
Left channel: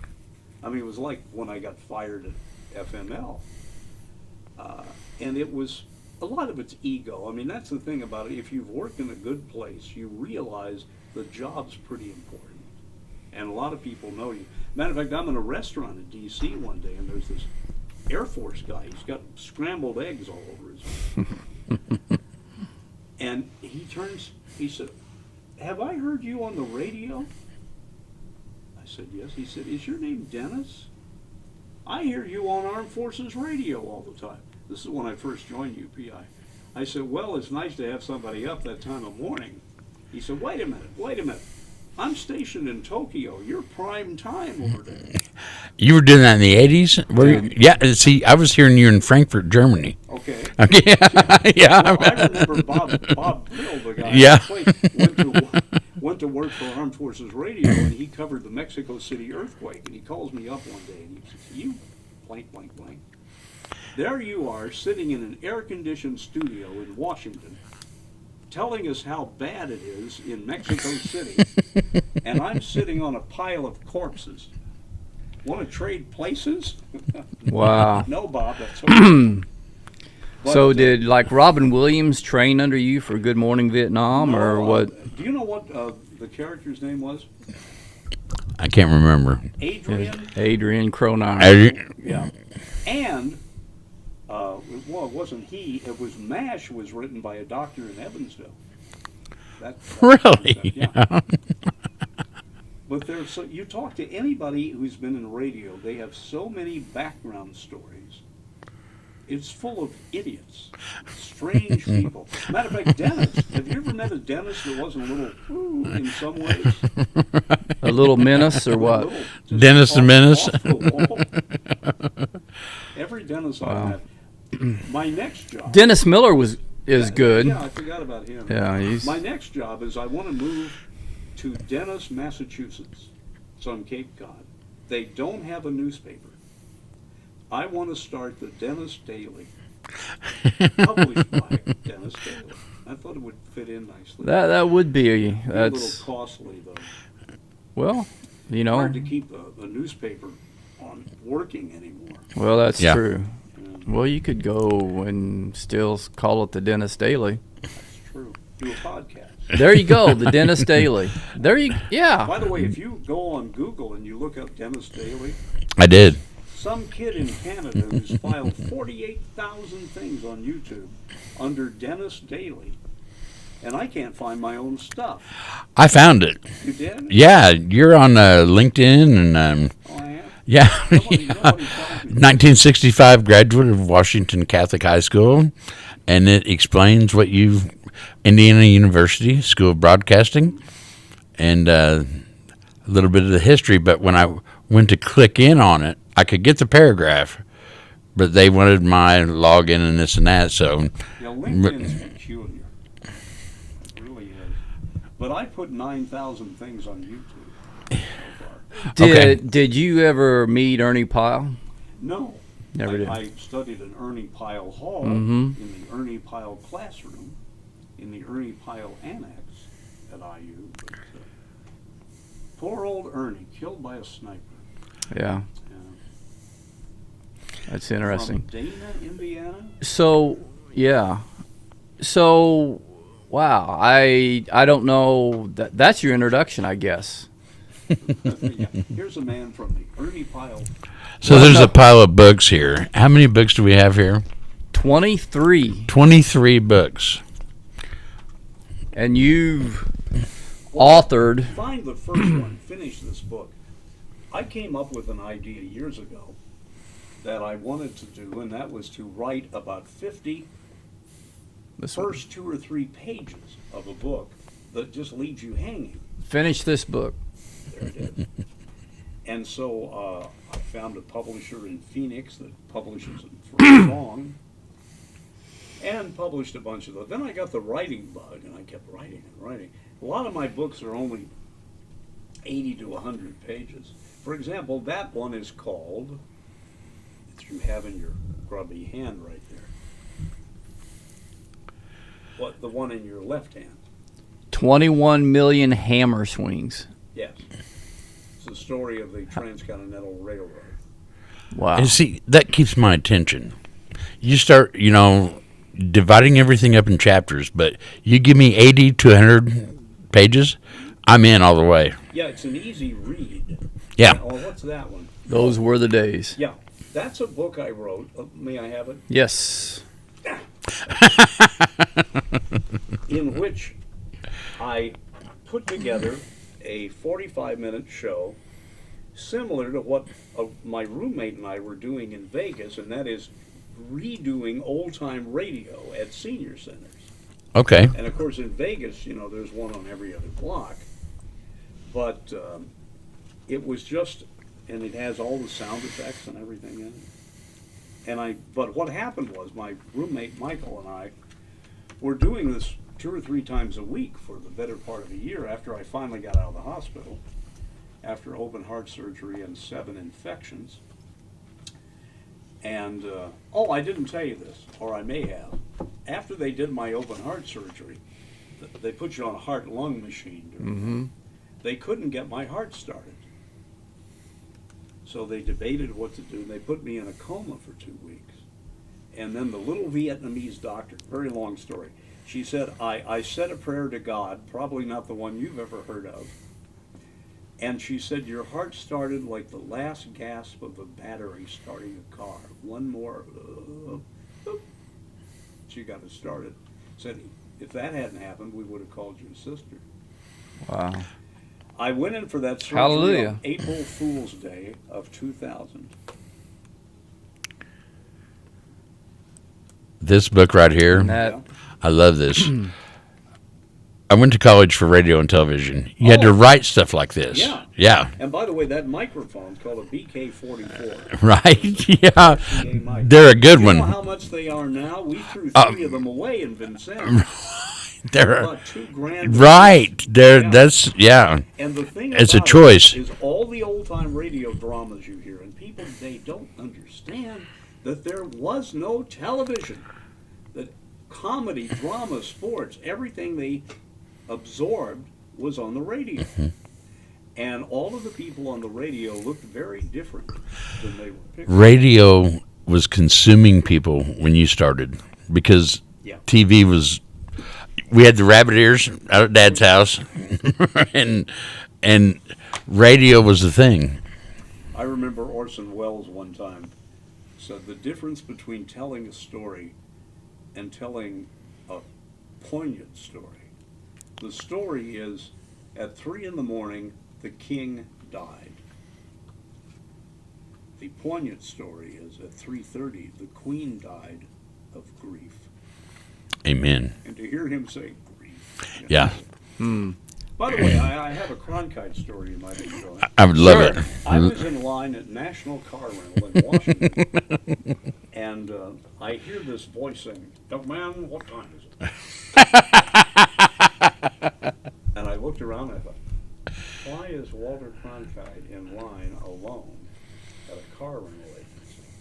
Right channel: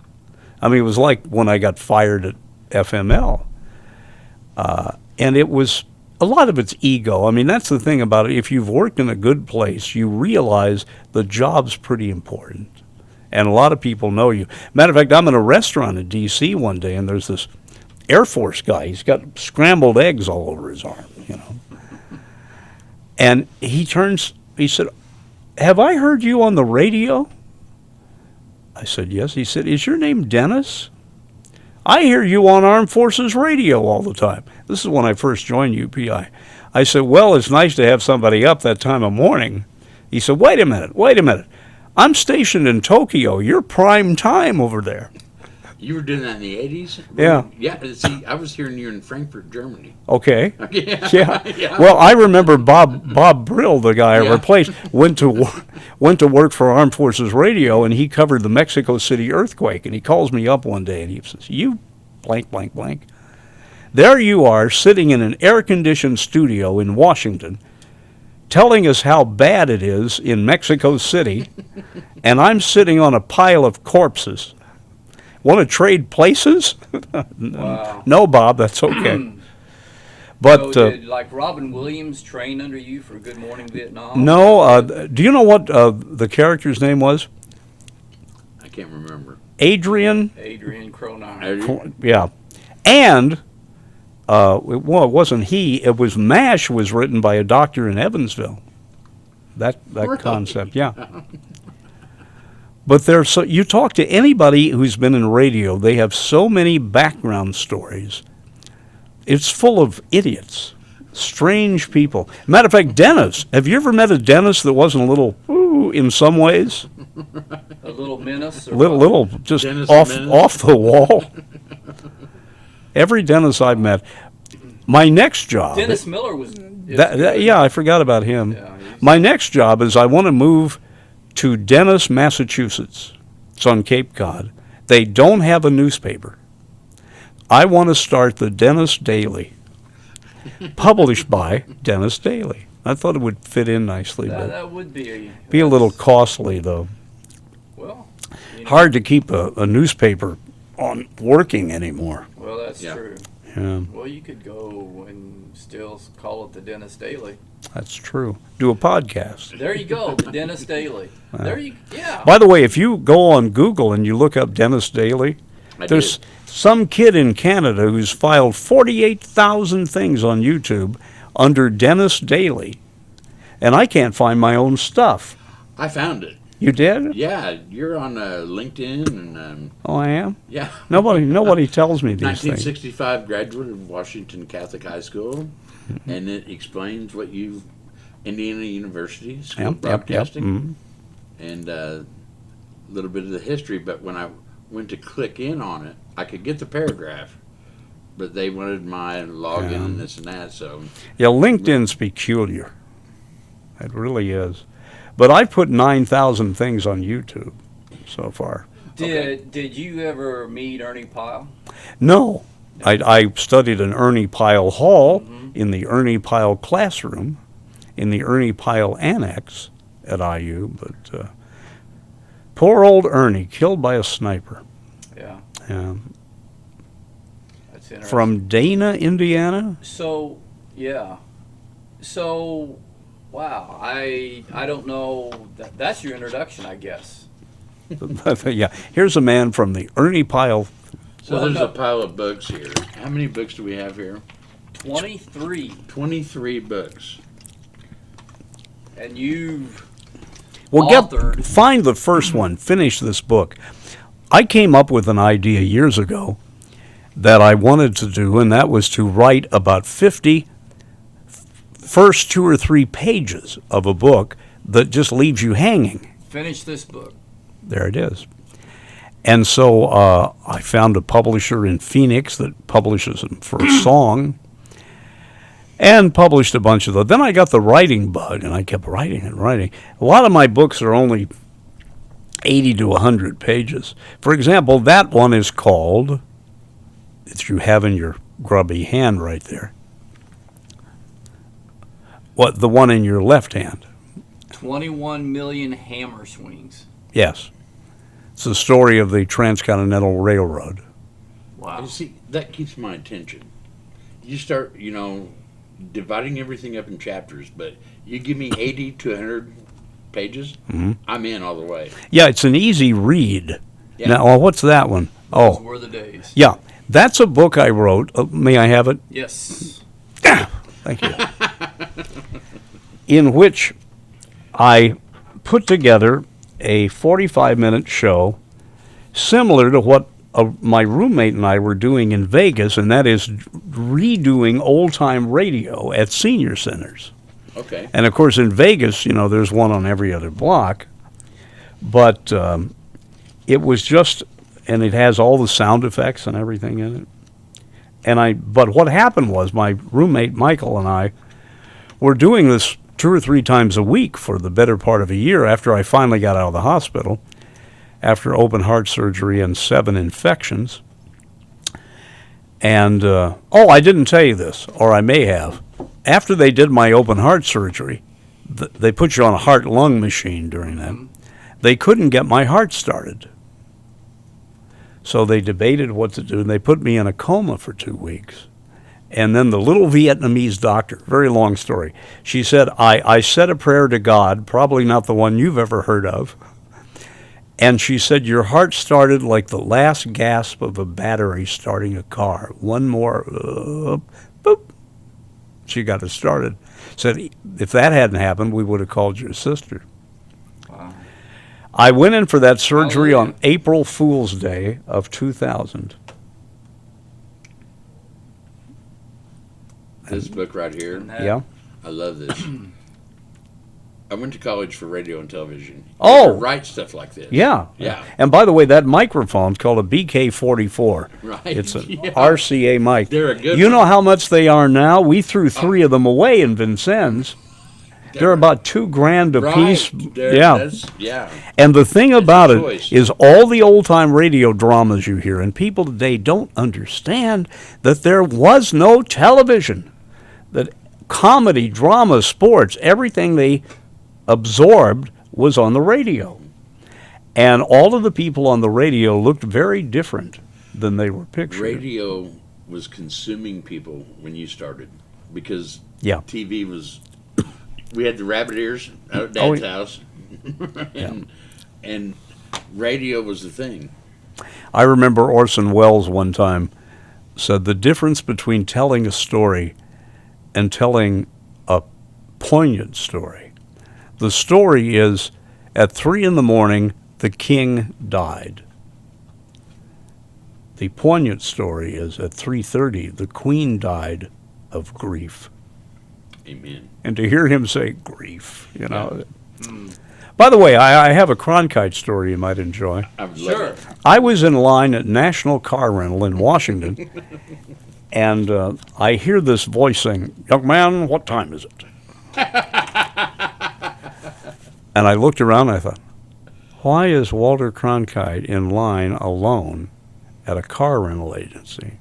I mean, it was like when I got fired at FML. And it was, a lot of it's ego. I mean, that's the thing about it. If you've worked in a good place, you realize the job's pretty important. And a lot of people know you. Matter of fact, I'm in a restaurant in D.C. one day, and there's this Air Force guy. He's got scrambled eggs all over his arm, you know. And he said, have I heard you on the radio? I said, yes. He said, is your name Dennis? I hear you on Armed Forces Radio all the time. This is when I first joined UPI. I said, well, it's nice to have somebody up that time of morning. He said, wait a minute. I'm stationed in Tokyo. You're prime time over there. You were doing that in the 80s? Yeah. Yeah, see, I was hearing you in Frankfurt, Germany. Okay. Yeah. Well, I remember Bob Brill, the guy I replaced, went to work for Armed Forces Radio, and he covered the Mexico City earthquake. And he calls me up one day, and he says, you blank, blank, blank. There you are, sitting in an air-conditioned studio in Washington, telling us how bad it is in Mexico City, and I'm sitting on a pile of corpses. Want to trade places? Wow. No, Bob, that's okay. But so did like Robin Williams train under you for Good Morning Vietnam? no. Do you know what the character's name was? I can't remember. Adrian. Adrian Cronauer. Yeah, and it wasn't he. It was MASH. Was written by a doctor in Evansville. That Really? concept, yeah. But you talk to anybody who's been in radio, they have so many background stories. It's full of idiots, strange people. Matter of fact, Dennis, have you ever met a Dennis that wasn't a little, in some ways? A little menace or what? Little just Dennis the Menace? off the wall. Every Dennis I've met. My next job. Dennis Miller is good. Yeah, I forgot about him. Yeah, My next job is I want to move to Dennis, Massachusetts. It's on Cape Cod. They don't have a newspaper. I want to start the Dennis Daily, published by Dennis Daily. I thought it would fit in nicely. That would be a little costly, though. Well, you know, Hard to keep a newspaper on working anymore. Well, that's Yeah. true. Yeah, Well, you could go and still call it the Dennis Daily. that's true. Do a podcast. There you go, the Dennis Daily. Yeah. By the way, if you go on Google and you look up Dennis Daily, I there's did. some kid in Canada who's filed 48,000 things on YouTube under Dennis Daly, and I can't find my own stuff. I found it. You did? Yeah, you're on LinkedIn, and Oh, I am? yeah. Nobody tells me. these 1965 graduate of Washington Catholic High School, and it explains what you've Indiana University School of Broadcasting, and a little bit of the history. But when I went to click in on it, I could get the paragraph, but they wanted my login and this and that. So things. Yeah, LinkedIn's peculiar. It really is. But I put 9,000 things on YouTube so far. Did you ever meet Ernie Pyle? No. Never I studied in Ernie Pyle Hall, in the Ernie Pyle classroom, in the Ernie Pyle annex at IU. But poor old Ernie, killed by a sniper. Yeah, Yeah. that's interesting. From Dana, Indiana? So, yeah. So, wow. I don't know. That's your introduction, I guess. Yeah. Here's a man from the Ernie Pyle. So there's a pile of books here. How many books do we have here? 23. 23 books. And you've Well, authored. find the first one. Finish this book. I came up with an idea years ago that I wanted to do, and that was to write about 50 first 2 or 3 pages of a book that just leaves you hanging. Finish this book. There it is. And so I found a publisher in Phoenix that publishes them for a song, and published a bunch of those. Then I got the writing bug, and I kept writing and writing. A lot of my books are only 80 to 100 pages. For example, that one is called, that you have in your grubby hand right there, what, the one in your left hand? 21 million hammer swings. Yes. It's the story of the Transcontinental Railroad. Wow. And see, that keeps my attention. You start, dividing everything up in chapters, but you give me 80 to 100 pages, I'm in all the way. Yeah, it's an easy read. Yeah. Now, well, what's that one? Those were the days. Yeah. That's a book I wrote. May I have it? Yes. In which I put together a 45-minute show similar to what my roommate and I were doing in Vegas, and that is redoing old-time radio at senior centers. Okay. And, of course, in Vegas, there's one on every other block. But it was just, and it has all the sound effects and everything in it. But what happened was my roommate Michael and I were doing this 2 or 3 times a week for the better part of a year after I finally got out of the hospital, after open heart surgery and 7 infections. And, I didn't tell you this, or I may have. After they did my open heart surgery, they put you on a heart-lung machine during that. They couldn't get my heart started. So they debated what to do, and they put me in a coma for 2 weeks. And then the little Vietnamese doctor, very long story, she said, I said a prayer to God, probably not the one you've ever heard of. And she said, your heart started like the last gasp of a battery starting a car. One more, boop. She got it started. Said, if that hadn't happened, we would have called your sister. Wow. I went in for that surgery Hallelujah. on April Fool's Day of 2000. This book right here, Yeah. I love this. I went to college for radio and television. You had to write stuff like this. Yeah. Yeah. And by the way, that microphone's called a BK-44. Right. It's an Yeah. RCA mic. They're a good You one. know how much they are now? We threw 3 of them away in Vincennes. They're about $2,000 a right. piece. Yeah. And the thing It's a about choice. it is all the old-time radio dramas you hear, and people today don't understand that there was no television. That comedy, drama, sports, everything they absorbed was on the radio. And all of the people on the radio looked very different than they were pictured. Radio was consuming people when you started because Yeah. TV was. We had the rabbit ears out at Dad's house, and radio was the thing. I remember Orson Welles one time said the difference between telling a story and telling a poignant story. The story is, at 3 a.m, the king died. The poignant story is, at 3:30, the queen died of grief. Amen. And to hear him say grief, you know. Yeah. By the way, I have a Cronkite story you might enjoy. I would love it. I was in line at National Car Rental in Washington, and I hear this voice saying, "Young man, what time is it?" And I looked around and I thought, why is Walter Cronkite in line alone at a car rental agency?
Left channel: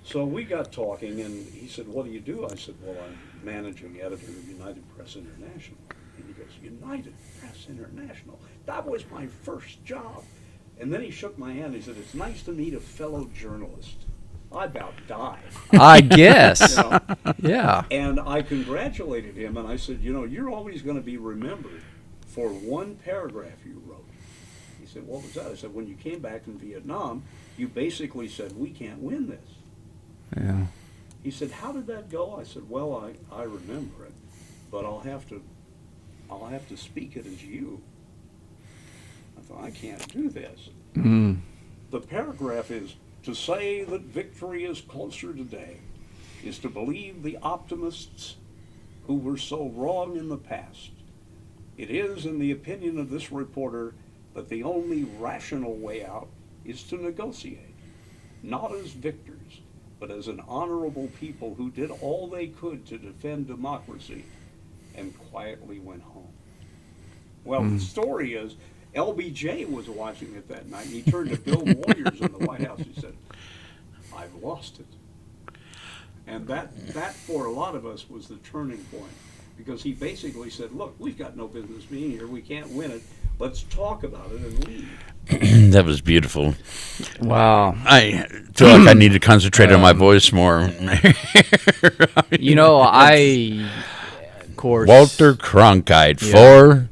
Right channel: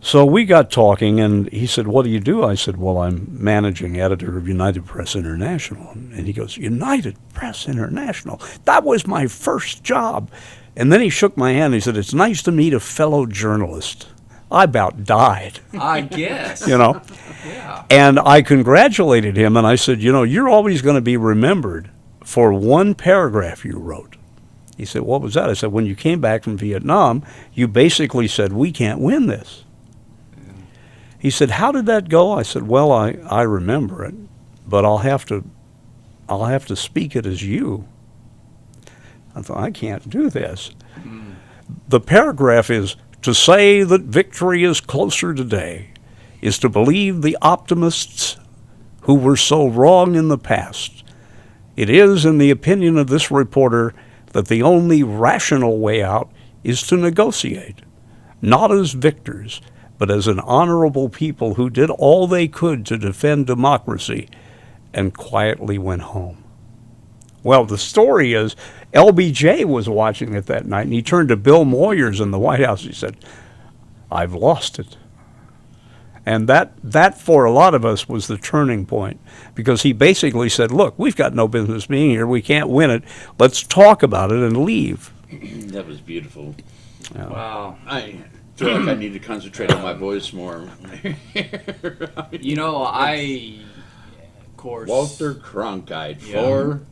So we got talking, and he said, "What do you do?" I said, "Well, I'm managing editor of United Press International." And he goes, "United Press International? That was my first job." And then he shook my hand and he said, "It's nice to meet a fellow journalist." I about died. I guess. You know? Yeah. And I congratulated him, and I said, "You know, you're always going to be remembered for one paragraph you wrote." He said, "What was that?" I said, "When you came back from Vietnam, you basically said, we can't win this." Yeah. He said, "How did that go?" I said, "Well, I remember it, but I'll have to speak it as you." I thought, I can't do this. The paragraph is, "To say that victory is closer today is to believe the optimists who were so wrong in the past. It is, in the opinion of this reporter, that the only rational way out is to negotiate, not as victors, but as an honorable people who did all they could to defend democracy and quietly went home." Well, the story is, LBJ was watching it that night, and he turned to Bill Moyers in the White House. He said, "I've lost it." And that for a lot of us was the turning point, because he basically said, "Look, we've got no business being here. We can't win it. Let's talk about it and leave." That was beautiful. Wow. I feel like I need to concentrate on my voice more. You know, of course. Walter Cronkite for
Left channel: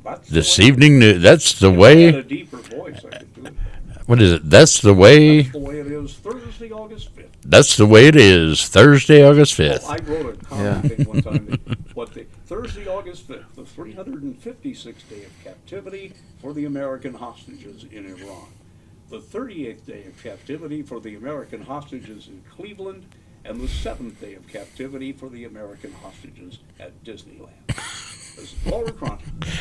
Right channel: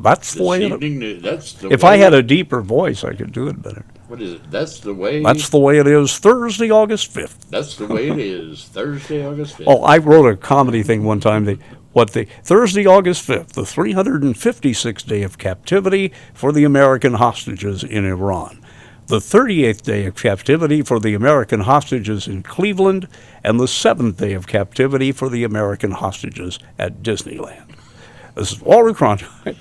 That's the this way evening news. That's the If way. I had a deeper voice, I could do it better. What is it? That's the way. That's the way it is. Thursday, August 5th. That's the way it is. Thursday, August 5th. Oh, I wrote a comedy thing one time. Thursday, August 5th, the 356th day of captivity for the American hostages in Iran, the 38th day of captivity for the American hostages in Cleveland, and the 7th day of captivity for the American hostages at Disneyland. This is Walter Cronkite.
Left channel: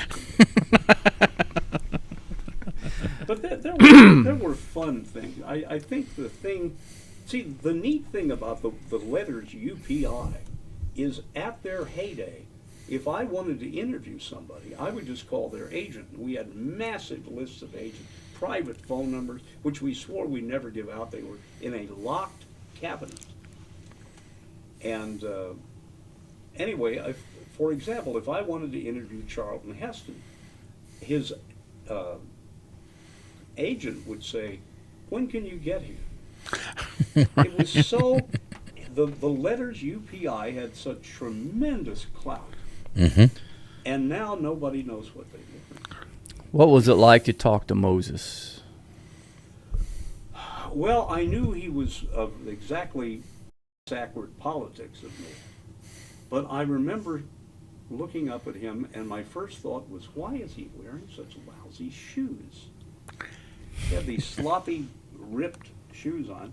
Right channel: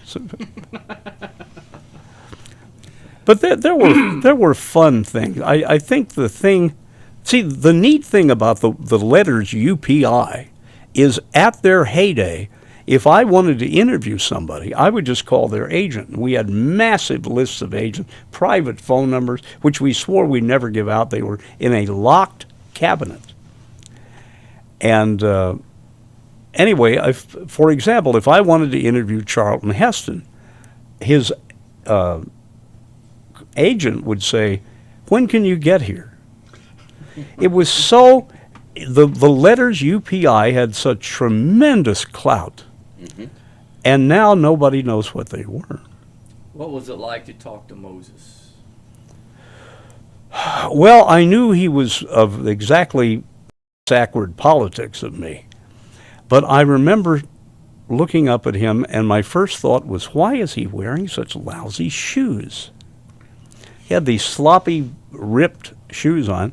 But there were fun things. I think the neat thing about the letters UPI is, at their heyday, if I wanted to interview somebody, I would just call their agent. We had massive lists of agents, private phone numbers, which we swore we'd never give out. They were in a locked cabinet. And anyway, for example, if I wanted to interview Charlton Heston, his agent would say, "When can you get here?" It was so, the letters UPI had such tremendous clout. Mm-hmm. And now nobody knows what they were. What was it like to talk to Moses? Well, I knew he was of exactly backward politics of me. But I remember looking up at him, and my first thought was, why is he wearing such lousy shoes? He had these sloppy, ripped shoes on.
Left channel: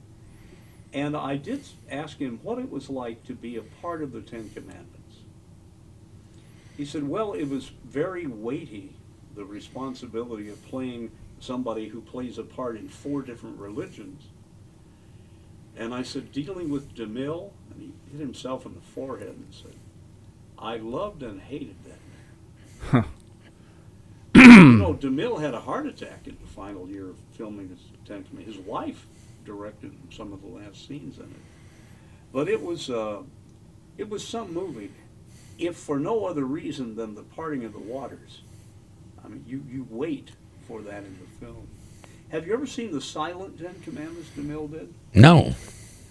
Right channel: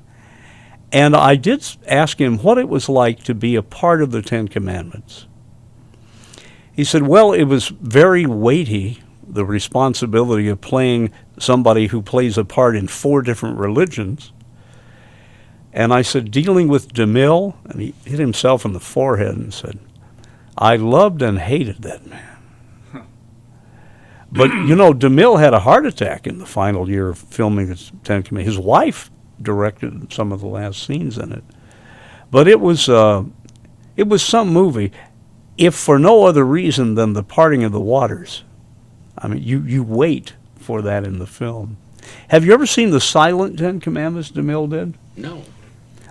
And I did ask him what it was like to be a part of the Ten Commandments. He said, well, it was very weighty, the responsibility of playing somebody who plays a part in 4 different religions. And I said, dealing with DeMille, and he hit himself in the forehead and said, I loved and hated that man. Huh. But, DeMille had a heart attack in the final year of filming the Ten Commandments. His wife directed some of the last scenes in it. But it was some movie, if for no other reason than the parting of the waters. I mean, you wait for that in the film. Have you ever seen the silent Ten Commandments DeMille did? No.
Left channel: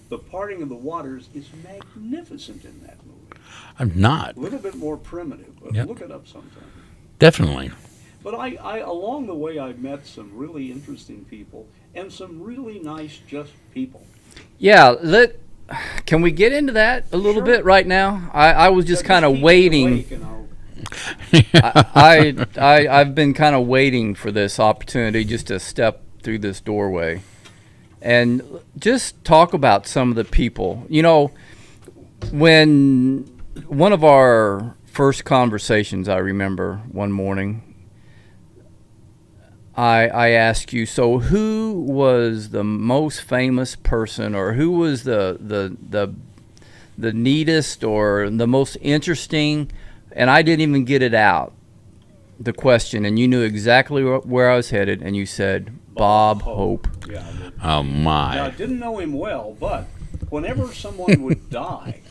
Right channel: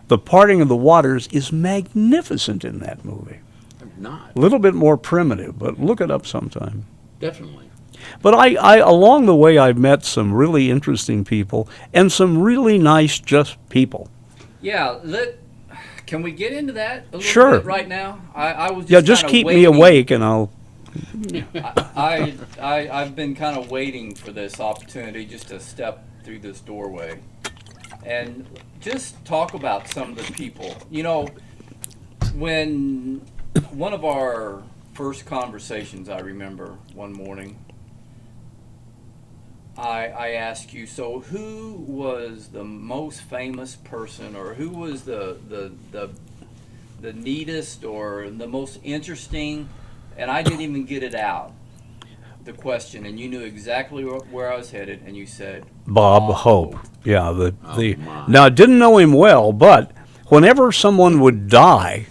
The parting of the waters is magnificent in that movie. I'm not. A little bit more primitive, but Yep. Look it up sometime. Definitely. But I along the way, I've met some really interesting people and some really nice, just people. Yeah, can we get into that a little Sure. bit right now? I was Yeah, just just kind of keep waiting. me awake, and I'll. I've been kind of waiting for this opportunity just to step through this doorway and just talk about some of the people. You know, when one of our first conversations, I remember one morning, I asked you, so who was the most famous person, or who was the neatest or the most interesting? And I didn't even get it out, the question, and you knew exactly where I was headed, and you said Bob Hope. Yeah. My. Now, I didn't know him well, but whenever someone would die,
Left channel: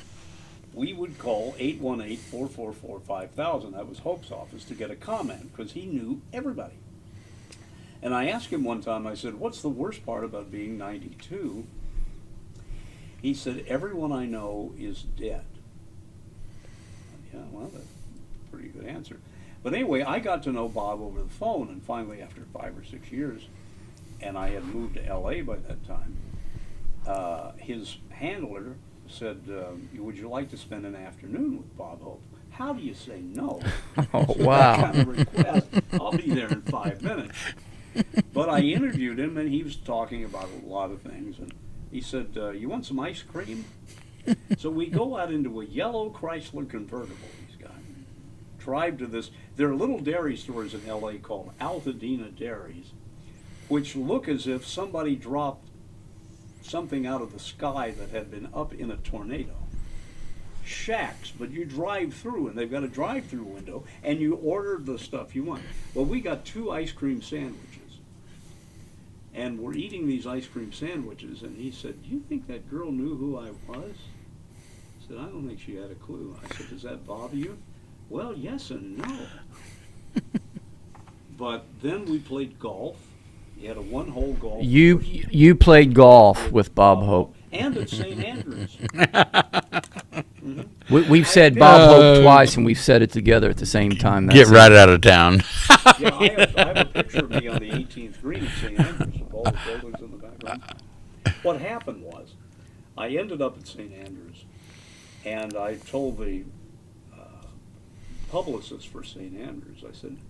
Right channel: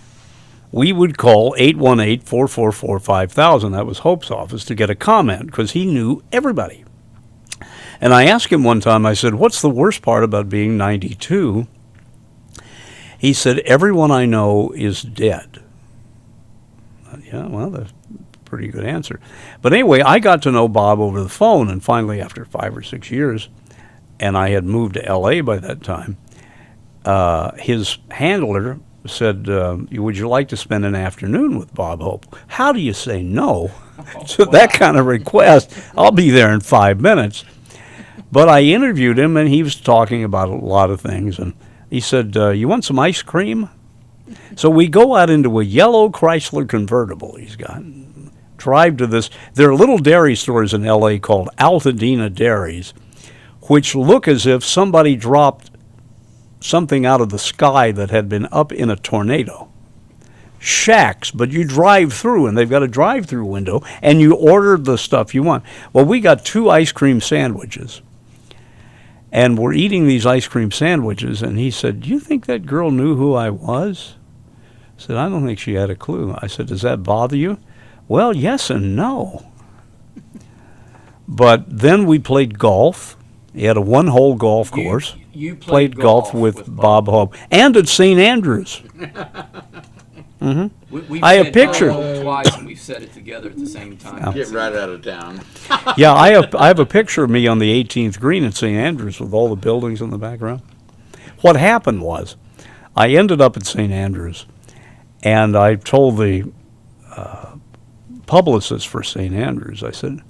we would call 818-444-5000. That was Hope's office to get a comment because he knew everybody. And I asked him one time, I said, what's the worst part about being 92? He said, everyone I know is dead. Yeah, well, that's a pretty good answer. But anyway, I got to know Bob over the phone, and finally, after 5 or 6 years, and I had moved to L.A. by that time, his handler said, would you like to spend an afternoon with Bob Hope? How do you say no to that kind of request? I'll be there in 5 minutes. But I interviewed him, and he was talking about a lot of things, and he said, you want some ice cream? So we go out into a yellow Chrysler convertible he's got, drive to this. There are little dairy stores in L.A. called Altadena Dairies, which look as if somebody dropped something out of the sky that had been up in a tornado. Shacks, but you drive through, and they've got a drive-through window, and you order the stuff you want. Well, we got 2 ice cream sandwiches, and we're eating these ice cream sandwiches, and he said, do you think that girl knew who I was? I said, I don't think she had a clue. I said, does that bother you? Well, yes and no. But then we played golf. He had a 1-hole golf course. You played golf with Bob Hope. And at St. Andrews. We've I said have Bob pictures. Hope twice, and we've said it together at the same time. Get right out of town. Yeah, I have a picture of me on the 18th green at St. Andrews with all the buildings in the background. What happened was, I ended up at St. Andrews, and I told the publicist for St. Andrews, I said,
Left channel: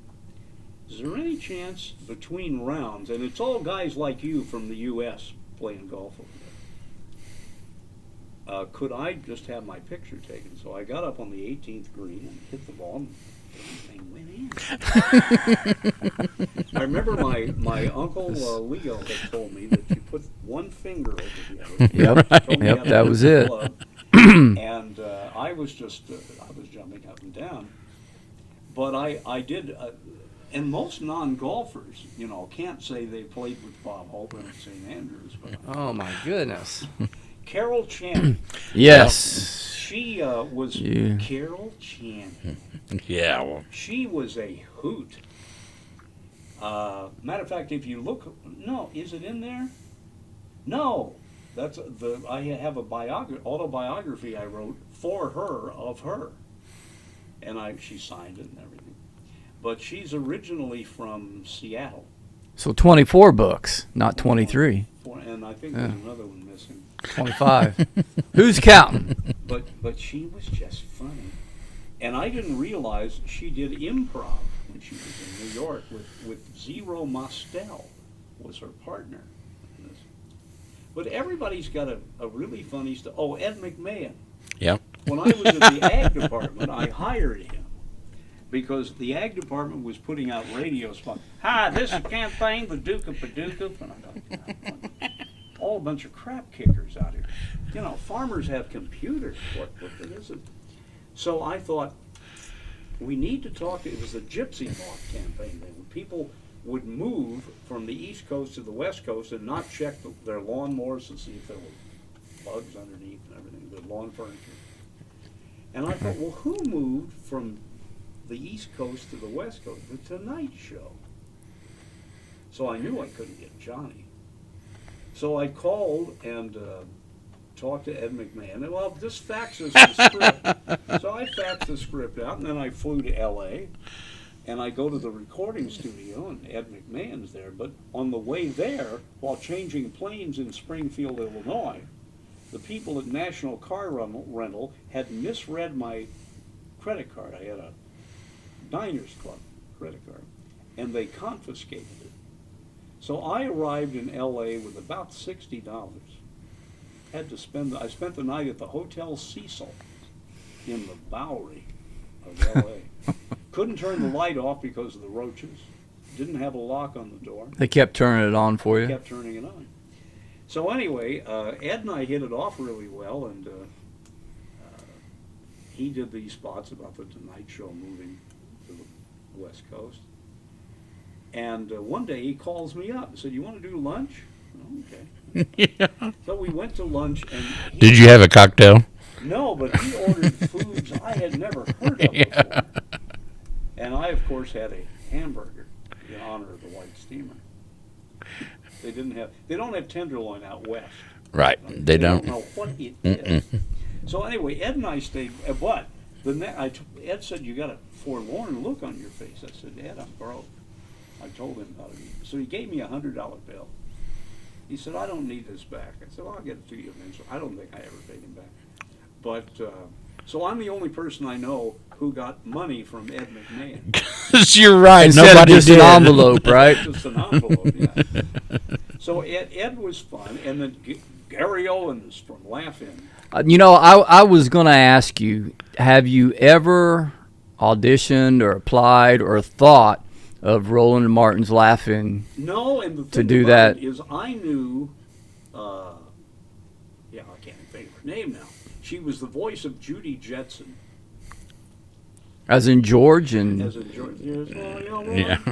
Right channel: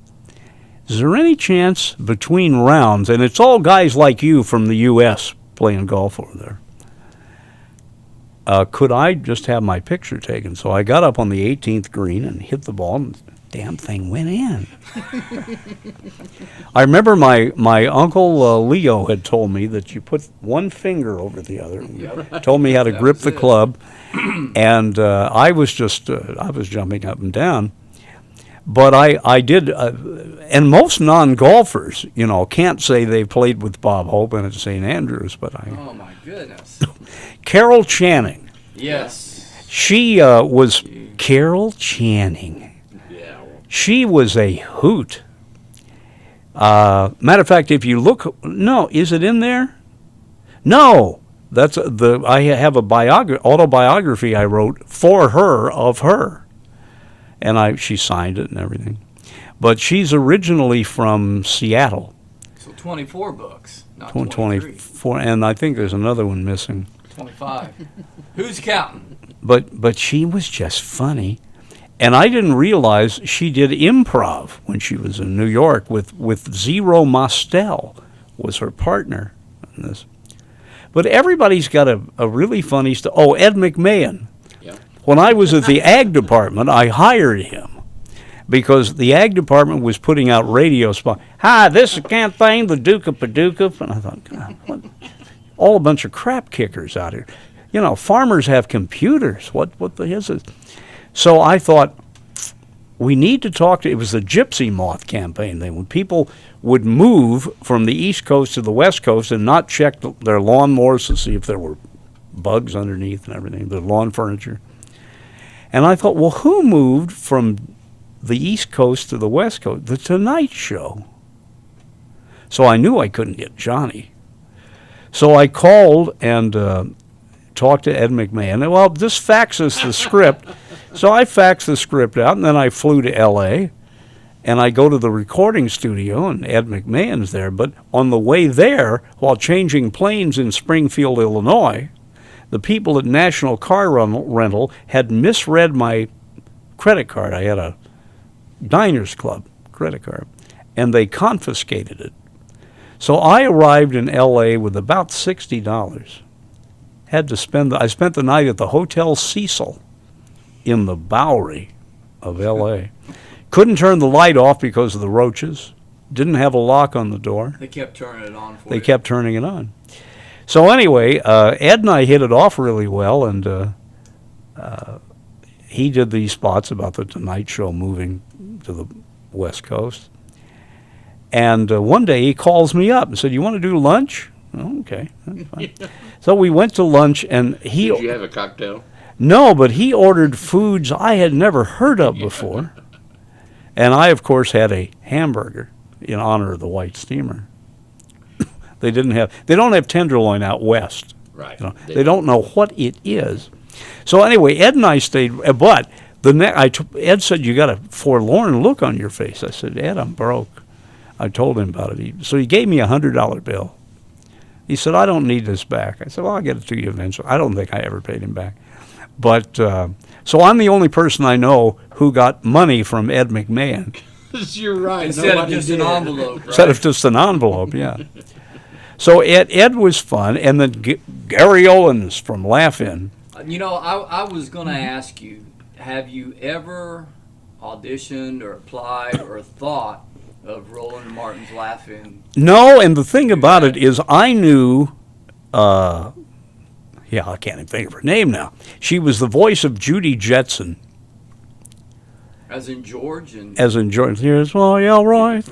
is there any chance between rounds, and it's all guys like you from the U.S. playing golf over there, could I just have my picture taken? So I got up on the 18th green and hit the ball, and the damn thing went in. I remember my uncle Leo had told me that you put one finger over the other. Yep. Told me how to That grip was the it. club, and I was jumping up and down. But I did, and most non-golfers, can't say they played with Bob Hope and at St. Andrews, but Oh, my goodness. Carol Channing. Yes. She was Carol Channing. Yeah. Well, She was a hoot. Matter of fact, if you look, no, is it in there? No, that's I have a autobiography I wrote for her of her, and she signed it and everything. But she's originally from Seattle. So 24 books, not 23. 24, and I think there's another one missing. 25. Who's counting? But she was just funny. And I didn't realize she did improv when she was in New York with Zero Mostel was her partner in this. But everybody's got a really funny story. Oh, Ed McMahon. yeah. When I was at the ag department, I hired him because the ag department was putting out radio spots. Hi, this is campaign, the Duke of Paducah. And I thought, God, what? All a bunch of crap kickers out here. Farmers have computers. What the hell is it? So I thought, we need to talk to, it was the Gypsy Moth campaign thing, when people would move from the East Coast to the West Coast and not check their lawnmowers to see if there were bugs underneath and everything, the lawn furniture. And I thought, well, who moved from the East Coast to the West Coast? The Tonight Show. So I knew I couldn't get Johnny. So I called and talked to Ed McMahon. And, well, just fax us the script. So I faxed the script out, and then I flew to L.A., and I go to the recording studio, and Ed McMahon's there. But on the way there, while changing planes in Springfield, Illinois, the people at National Car Rental had misread my credit card. I had a Diners Club credit card, and they confiscated it. So I arrived in L.A. with about $60. I spent the night at the Hotel Cecil in the Bowery of L.A. Couldn't turn the light off because of the roaches. Didn't have a lock on the door. They kept turning it on for you. They kept turning it on. So anyway, Ed and I hit it off really well, and he did these spots about the Tonight Show moving to the West Coast. And one day he calls me up and said, "You want to do lunch?" Oh, okay. Yeah. So we went to lunch, and he... Did you have a cocktail? No, but he ordered foods I had never heard of before. And I, of course, had a hamburger in honor of the White Steamer. They don't have tenderloin out west. Right. You know, they don't know what it is. So anyway, Ed and I stayed, but Ed said, "You got a forlorn look on your face." I said, "Ed, I'm broke." I told him about it. So he gave me a $100 bill. He said, "I don't need this back." I said, "Well, I'll get it to you eventually." I don't think I ever paid him back. But so I'm the only person I know who got money from Ed McMahon. You're right. Instead Nobody of just did. an envelope, Instead of right? just an envelope, yeah. So Ed was fun. And then Gary Owens from Laugh-In. I was going to ask you, have you ever auditioned or applied or thought of Roland Martin's Laugh-In? No, and the thing do about that. it is I knew, I can't even think of her name now. She was the voice of Judy Jetson. As in George and As in George, here's Royal Roy.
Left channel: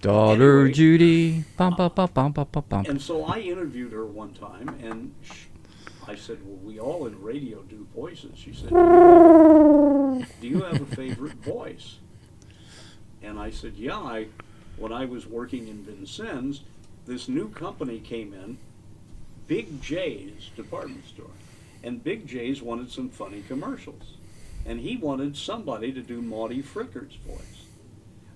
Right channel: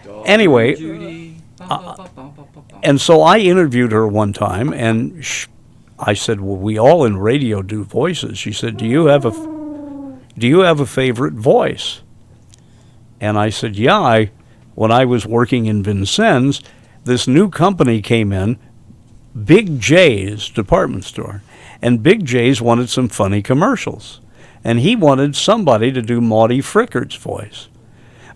Daughter Anyway, Judy. Bum, bum, bum, bum, bum, bum, bum. And so I interviewed her one time, and I said, "Well, we all in radio do voices." She said, "Do you have a favorite voice?" And I said, "Yeah, when I was working in Vincennes, this new company came in, Big J's department store, and Big J's wanted some funny commercials, and he wanted somebody to do Maudie Frickard's voice.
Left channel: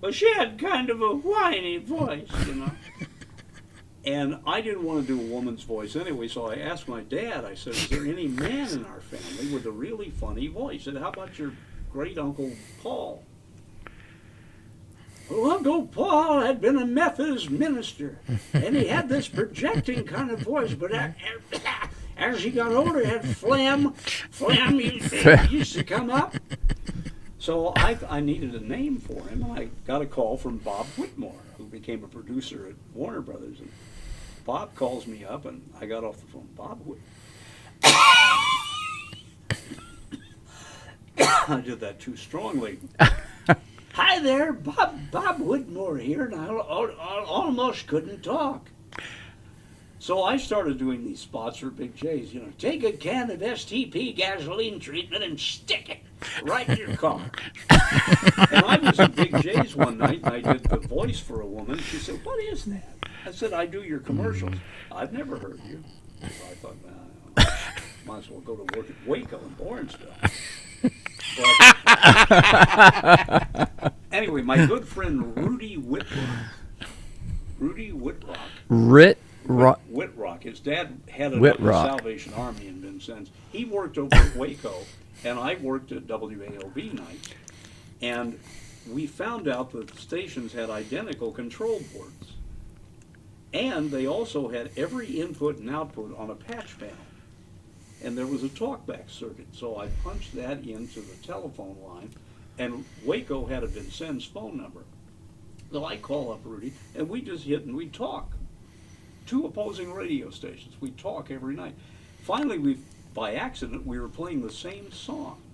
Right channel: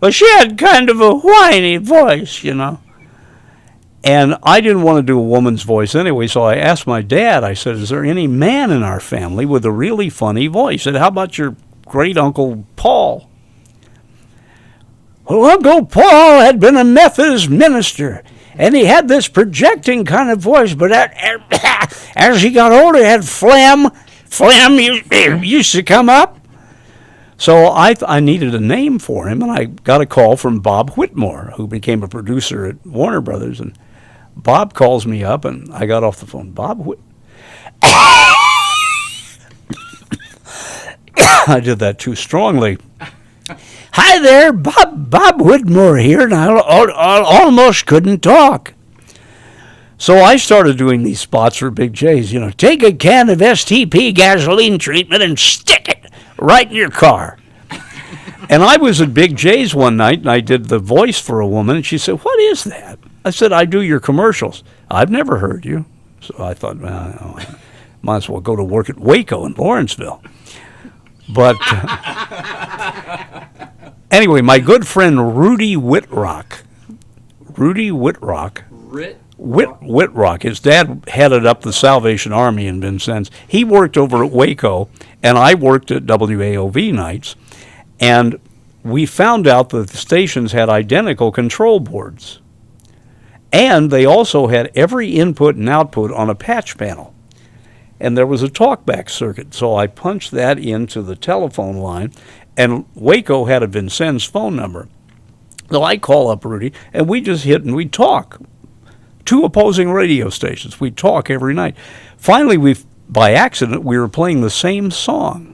Well, she had kind of a whiny voice, you know." And I didn't want to do a woman's voice anyway, so I asked my dad, I said, "Is there any man in our family with a really funny voice?" He said, "How about your great-uncle Paul?" Well, Uncle Paul had been a Methodist minister, and he had this projecting kind of voice, but as he got older, he had phlegm used to come up. So I needed a name for him, and I got a call from Bob Whitmore, who became a producer at Warner Brothers, and Bob calls me up, and I got off the phone. I did that too strongly. "Hi there, Bob Whitmore here," and I almost couldn't talk. So I started doing these spots for Big J's. Take a can of STP gasoline treatment and stick it right in your car. And I was at Big J's one night, and I did the voice for a woman, and she said, "What is that?" I said, "I do your commercials." "I've never heard you." So I thought, well, might as well go to work at Waco in Lawrenceville. But anyway, my good friend Rudy Whitrock. Whitrock. His dad headed up the Salvation Army in Vincennes. He worked over at Waco, and I worked at WAOV nights. And we found out that the stations had identical control boards. And they also had every input and output on a patch panel. And there was a talkback circuit, so I punched that into the telephone line, and Waco had a Vincennes phone number. So I call up Rudy, and we just hit and we talk. Two opposing radio stations. We talk every night. Finally, by accident, we were playing the same song.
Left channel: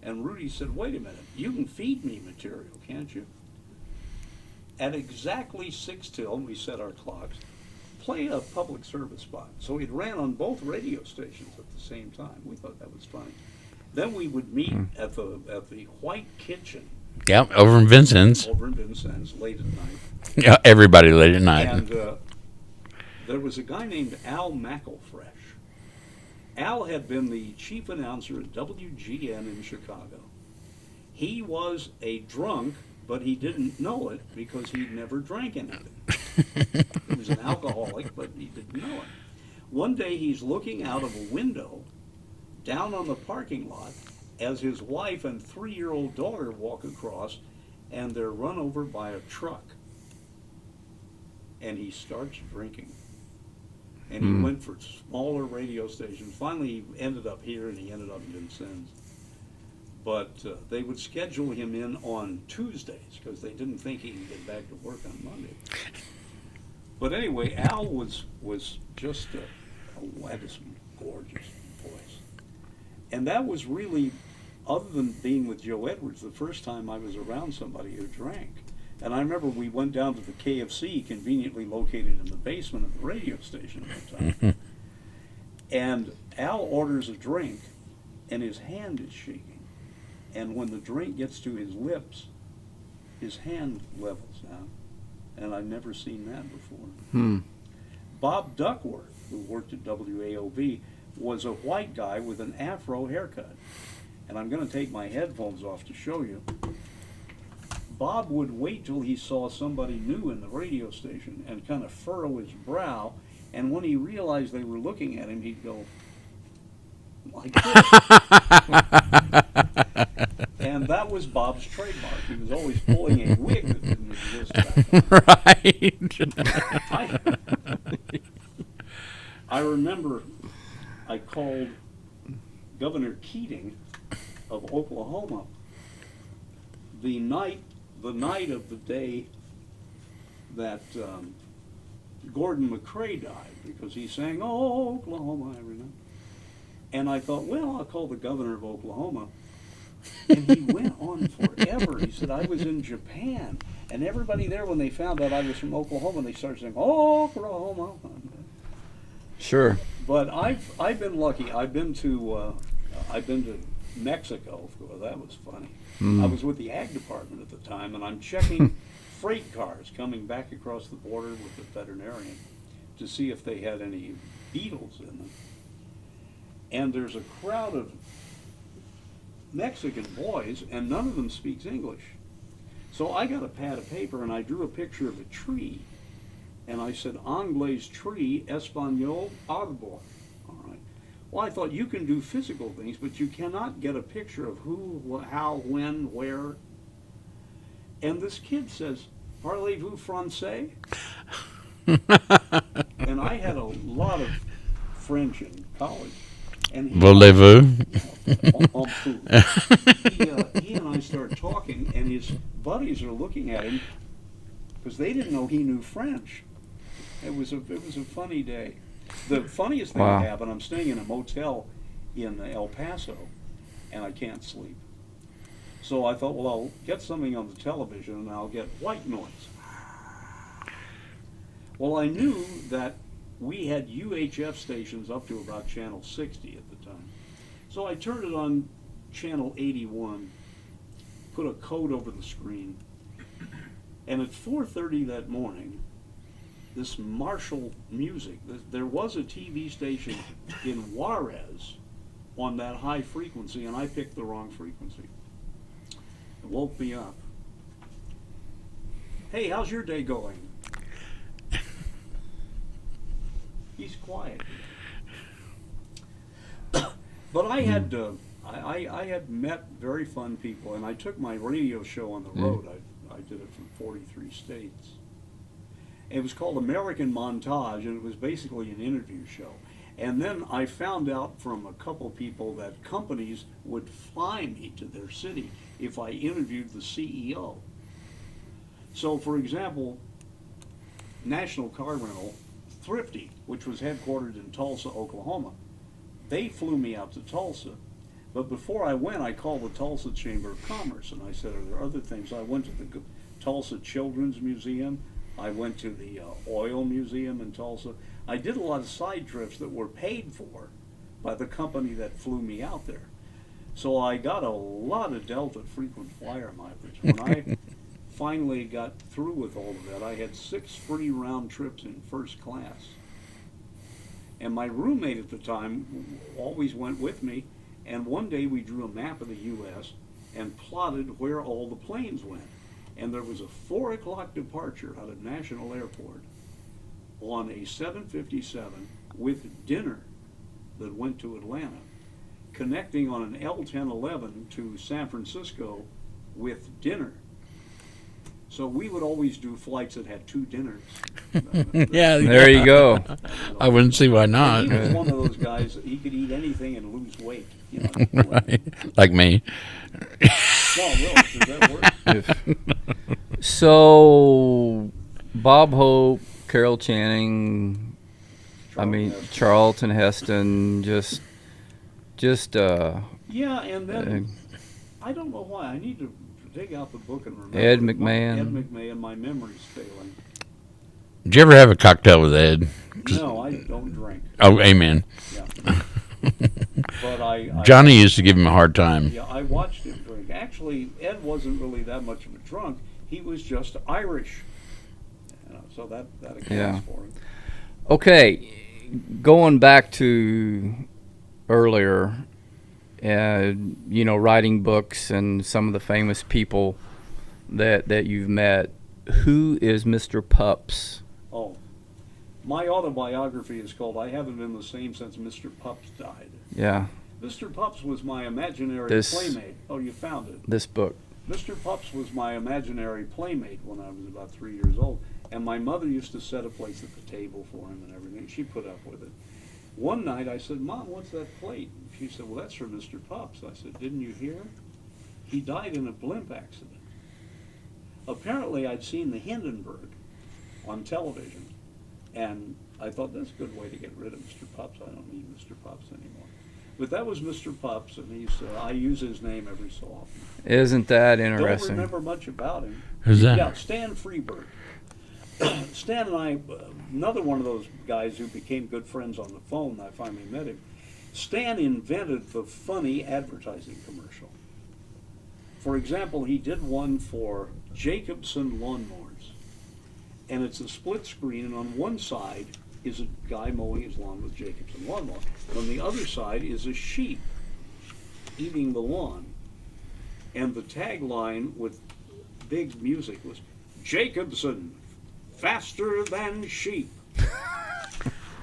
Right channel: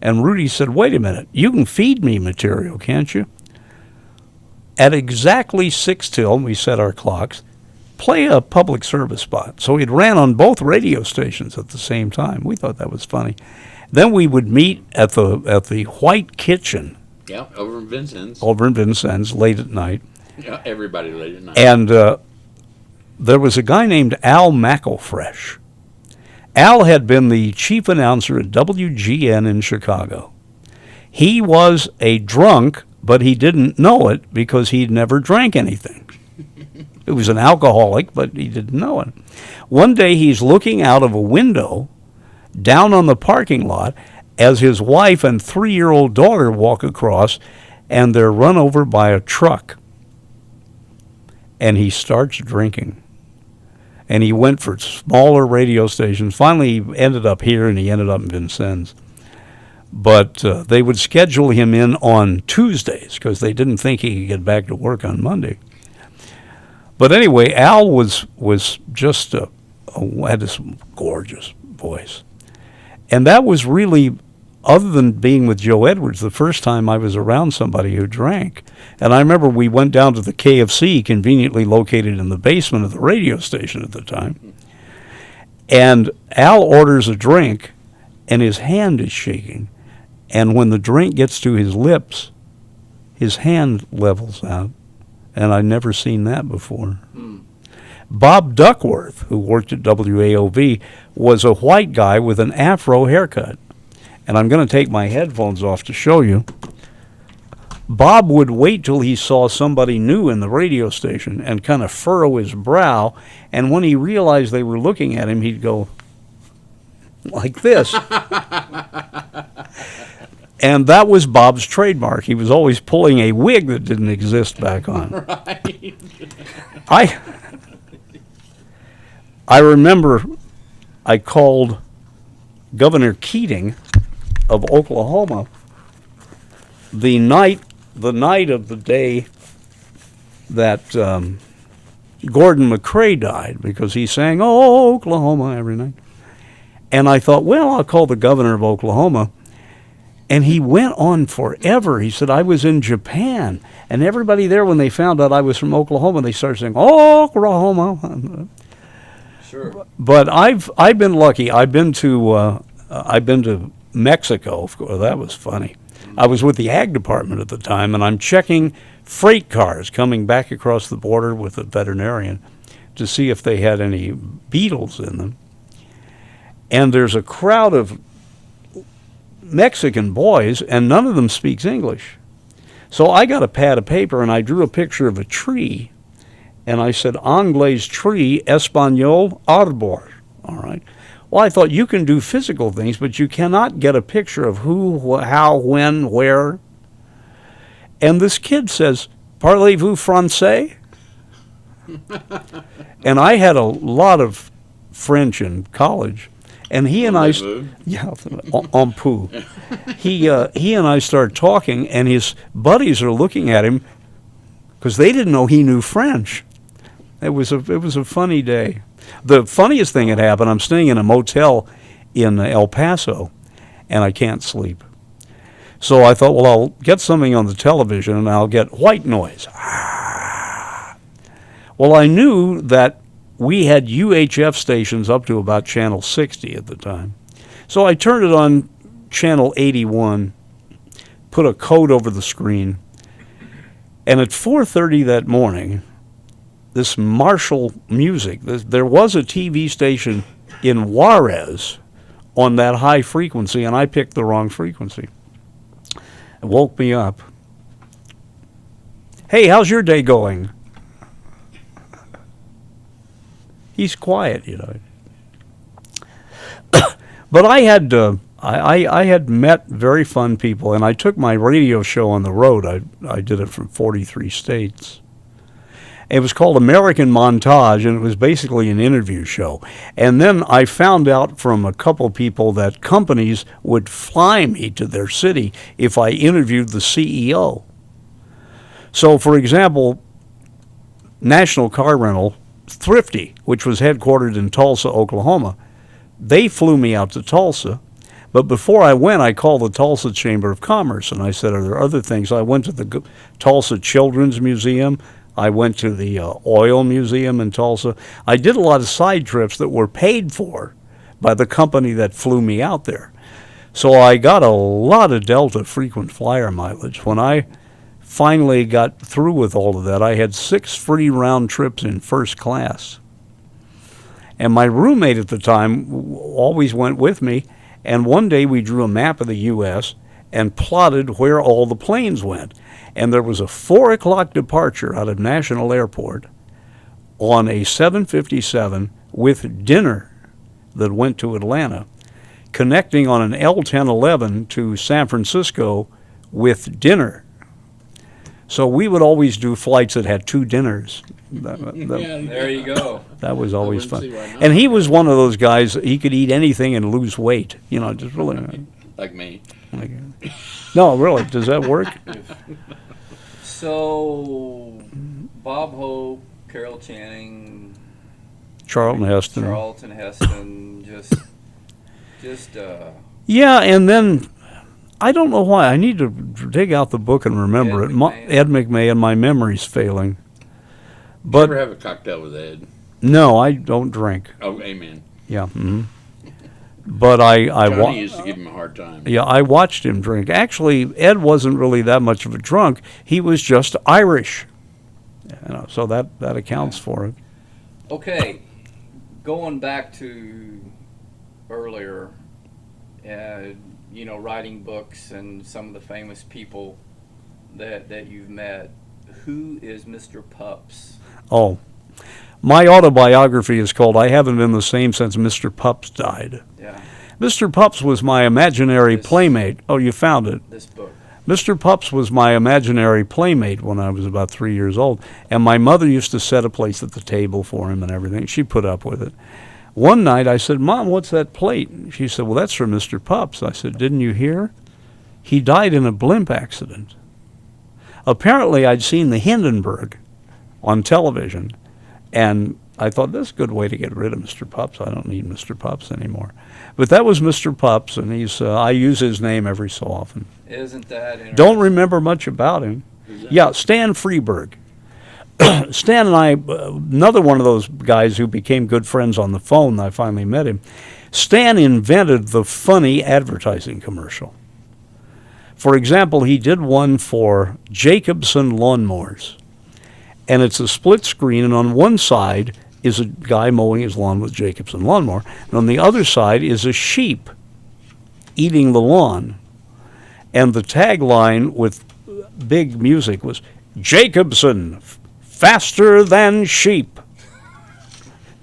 And Rudy said, "Wait a minute, you can feed me material, can't you?" At exactly 6 till, we set our clocks, play a public service spot. So it ran on both radio stations at the same time. We thought that was funny. Then we would meet at the White Kitchen. Yeah, over in Vincennes. Late at night. Yeah, everybody late at night. And there was a guy named Al McElfresh. Al had been the chief announcer at WGN in Chicago. He was a drunk, but he didn't know it because he'd never drank anything. He was an alcoholic, but he didn't know it. One day he's looking out of a window down on the parking lot as his wife and 3-year-old daughter walk across, and they're run over by a truck. And he starts drinking. And he went for smaller radio stations. Finally, he ended up here, and he ended up in Vincennes. But they would schedule him in on Tuesdays because they didn't think he could get back to work on Monday. But anyway, Al was just had this gorgeous voice. And that was really, other than being with Joe Edwards, the first time I was around somebody who drank. And I remember we went down to the KFC, conveniently located in the basement of the radio station at the time. And Al orders a drink, and his hand is shaking. And when the drink gets to his lips, his hand levels out. And I'd never seen that before. Bob Duckworth, who worked at WAOV, was a white guy with an afro haircut. And I'm going to take my headphones off to show you. Bob would wait till he saw somebody new in the radio station and kind of furrow his brow. And when he realized they were looking at him, he'd go like this. And that was Bob's trademark. He was always pulling a wig that didn't exist back on. Right. I remember I called Governor Keating of Oklahoma the night of the day that Gordon McCrae died, because he sang "Oh, Oklahoma" every night. And I thought, well, I'll call the governor of Oklahoma. And he went on forever. He said, I was in Japan. And everybody there, when they found out I was from Oklahoma, they started saying, "Oh, Oklahoma." Sure. But I've been lucky. I've been to Mexico. Of course, that was funny. I was with the Ag Department at the time, and I'm checking freight cars coming back across the border with a veterinarian to see if they had any beetles in them. And there's a crowd of Mexican boys, and none of them speaks English. So I got a pad of paper, and I drew a picture of a tree, and I said, "Anglais tree, Espanol arbor." All right. Well, I thought, you can do physical things, but you cannot get a picture of who, how, when, where. And this kid says, "Parlez-vous français?" And I had a lot of French in college. And he and I, yeah, en pou. He and I started talking, and his buddies are looking at him because they didn't know he knew French. It was a funny day. The funniest thing had happened. I'm staying in a motel in El Paso, and I can't sleep. So I thought, well, I'll get something on the television, and I'll get white noise. Well, I knew that we had UHF stations up to about channel 60 at the time. So I turned it on channel 81, put a code over the screen, and at 4:30 that morning, this martial music, there was a TV station in Juarez on that high frequency, and I picked the wrong frequency. It woke me up. "Hey, how's your day going?" He's quiet, you know. But I had I had met very fun people, and I took my radio show on the road. I did it from 43 states. It was called American Montage, and it was basically an interview show. And then I found out from a couple people that companies would fly me to their city if I interviewed the CEO. So, for example, National Car Rental, Thrifty, which was headquartered in Tulsa, Oklahoma, they flew me out to Tulsa. But before I went, I called the Tulsa Chamber of Commerce, and I said, are there other things? I went to the Tulsa Children's Museum. I went to the Oil Museum in Tulsa. I did a lot of side trips that were paid for by the company that flew me out there. So I got a lot of Delta frequent flyer mileage. When I finally got through with all of that, I had 6 free round trips in first class. And my roommate at the time always went with me, and one day we drew a map of the U.S. and plotted where all the planes went. And there was a 4 o'clock departure out of National Airport on a 757 with dinner that went to Atlanta, connecting on an L-1011 to San Francisco with dinner. So we would always do flights that had 2 dinners. There you go. That was always I wouldn't fun. see why not. And he was one of those guys, he could eat anything and lose weight. You know, just Like me. No, really, does that work? So, Bob Hope, Carol Channing, Charlton Heston. Charlton Heston, just Yeah, and then I don't know why. I need to dig out the book and remember Ed it. McMahon. Ed McMahon, my memory's failing. Did you ever have a cocktail with Ed? No, I don't drink. Oh, amen. Yeah. Mhm. But I Johnny used to give him a hard time. Yeah, I watched him drink. Actually, Ed wasn't really that much of a drunk. He was just Irish. You know, so that accounts Yeah. for it. Okay, going back to earlier, writing books and some of the famous people that you've met. Who is Mr. Pups? Oh, my autobiography is called "I Haven't Been the Same Since Mr. Pups Died." Yeah, Mr. Pups was my imaginary playmate. Oh, you found it. this book. Mr. Pups was my imaginary playmate when I was about 3 years old, and my mother used to set a place at the table for him and everything. She put up with it. One night I said, "Mom, what's that plate?" She said, "Well, that's for Mr. Pups." I said, "Didn't you hear? He died in a blimp accident." Apparently, I'd seen the Hindenburg on television, and I thought, that's a good way to get rid of Mr. Pups. I don't need Mr. Pups anymore. But that was Mr. Pups, and I use his name every so often. Isn't that interesting? Don't remember much about him. Who's that? Yeah, Stan Freeberg. Stan and I, another one of those guys who became good friends on the phone, I finally met him. Stan invented the funny advertising commercial. For example, he did one for Jacobson Lawnmowers. And it's a split screen, and on one side is a guy mowing his lawn with Jacobson Lawnmower, and on the other side is a sheep eating the lawn. And the tagline with big music was, "Jacobson, faster than sheep."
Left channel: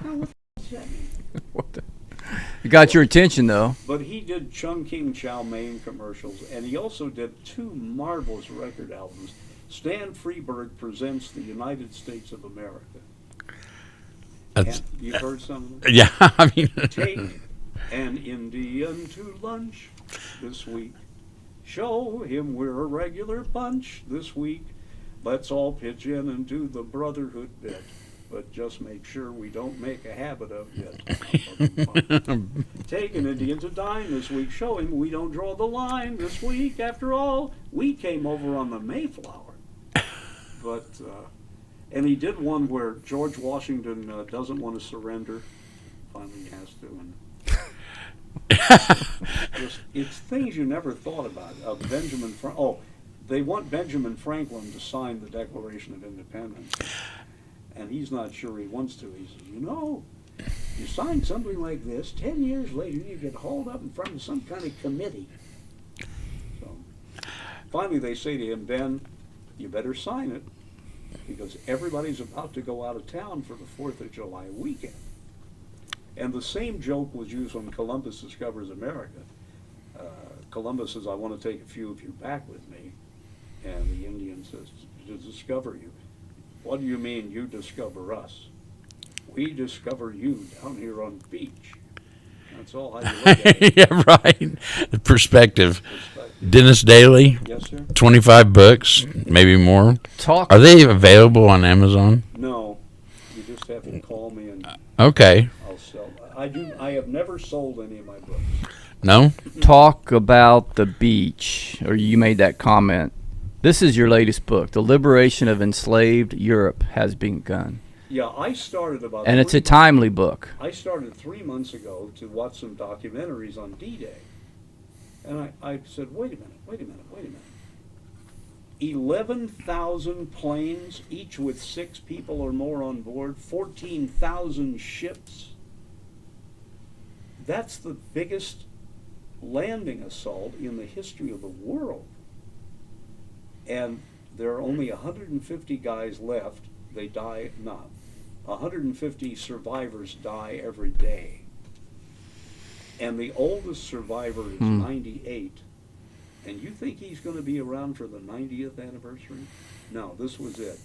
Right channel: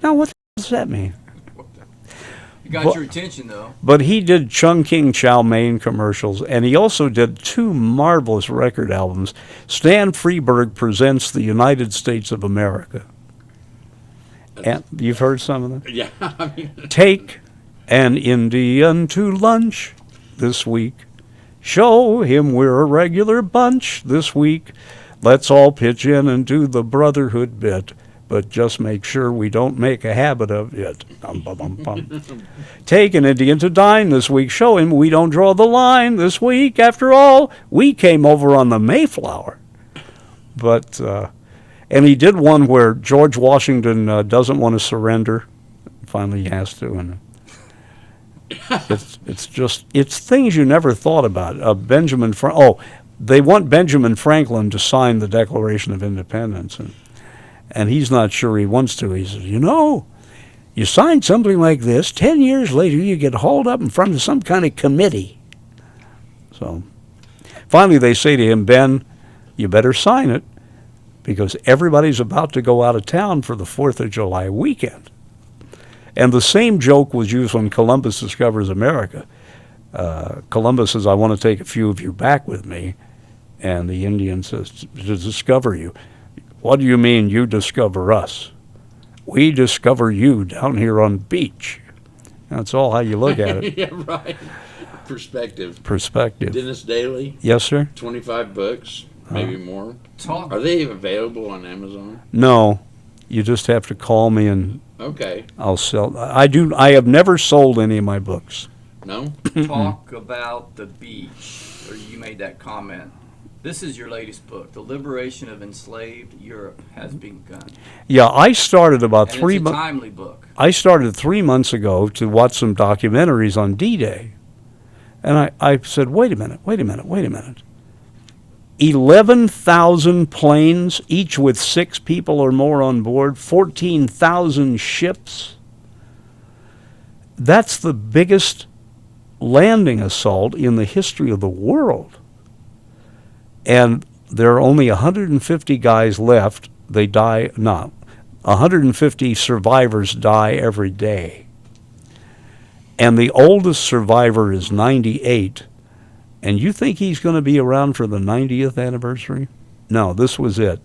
Now, what does that mean? You got your attention, though. But he did Chung King Chow Mein commercials, and he also did 2 marvelous record albums. Stan Freeberg Presents the United States of America. And you've heard some of them? Yeah, I mean, Take an Indian to lunch this week. Show him we're a regular bunch this week. Let's all pitch in and do the brotherhood bit, but just make sure we don't make a habit of it. Take an Indian to dine this week. Show him we don't draw the line this week. After all, we came over on the Mayflower. But, and he did one where George Washington doesn't want to surrender. Finally he has to. And it's things you never thought about. They want Benjamin Franklin to sign the Declaration of Independence. And he's not sure he wants to. He says, you sign something like this, 10 years later you get hauled up in front of some kind of committee. So finally they say to him, "Ben, you better sign it because everybody's about to go out of town for the 4th of July weekend." And the same joke was used when Columbus discovers America. Columbus says, "I want to take a few of you back with me." And the Indian says, "To discover you." "What do you mean you discover us?" "We discover you down here on the beach." That's all how you look at it. yeah, right. Perspective. Perspective. Dennis Daly, Yes, sir? 25 books, maybe more. Talk. Are they available on Amazon? No. You just have to call me and Okay. I'll sell. I have never sold any of my books. No? Talk about the beach, or you made that comment. This is your latest book, The Liberation of Enslaved Europe Has Begun. Yeah, I started about And it's a timely book. I started 3 months ago to watch some documentaries on D-Day. And I said, wait a minute. 11,000 planes, each with 6 people or more on board, 14,000 ships. That's the biggest landing assault in the history of the world. And there are only 150 guys left. They die, 150 survivors die every day. And the oldest survivor is 98. And you think he's going to be around for the 90th anniversary? No, this was it.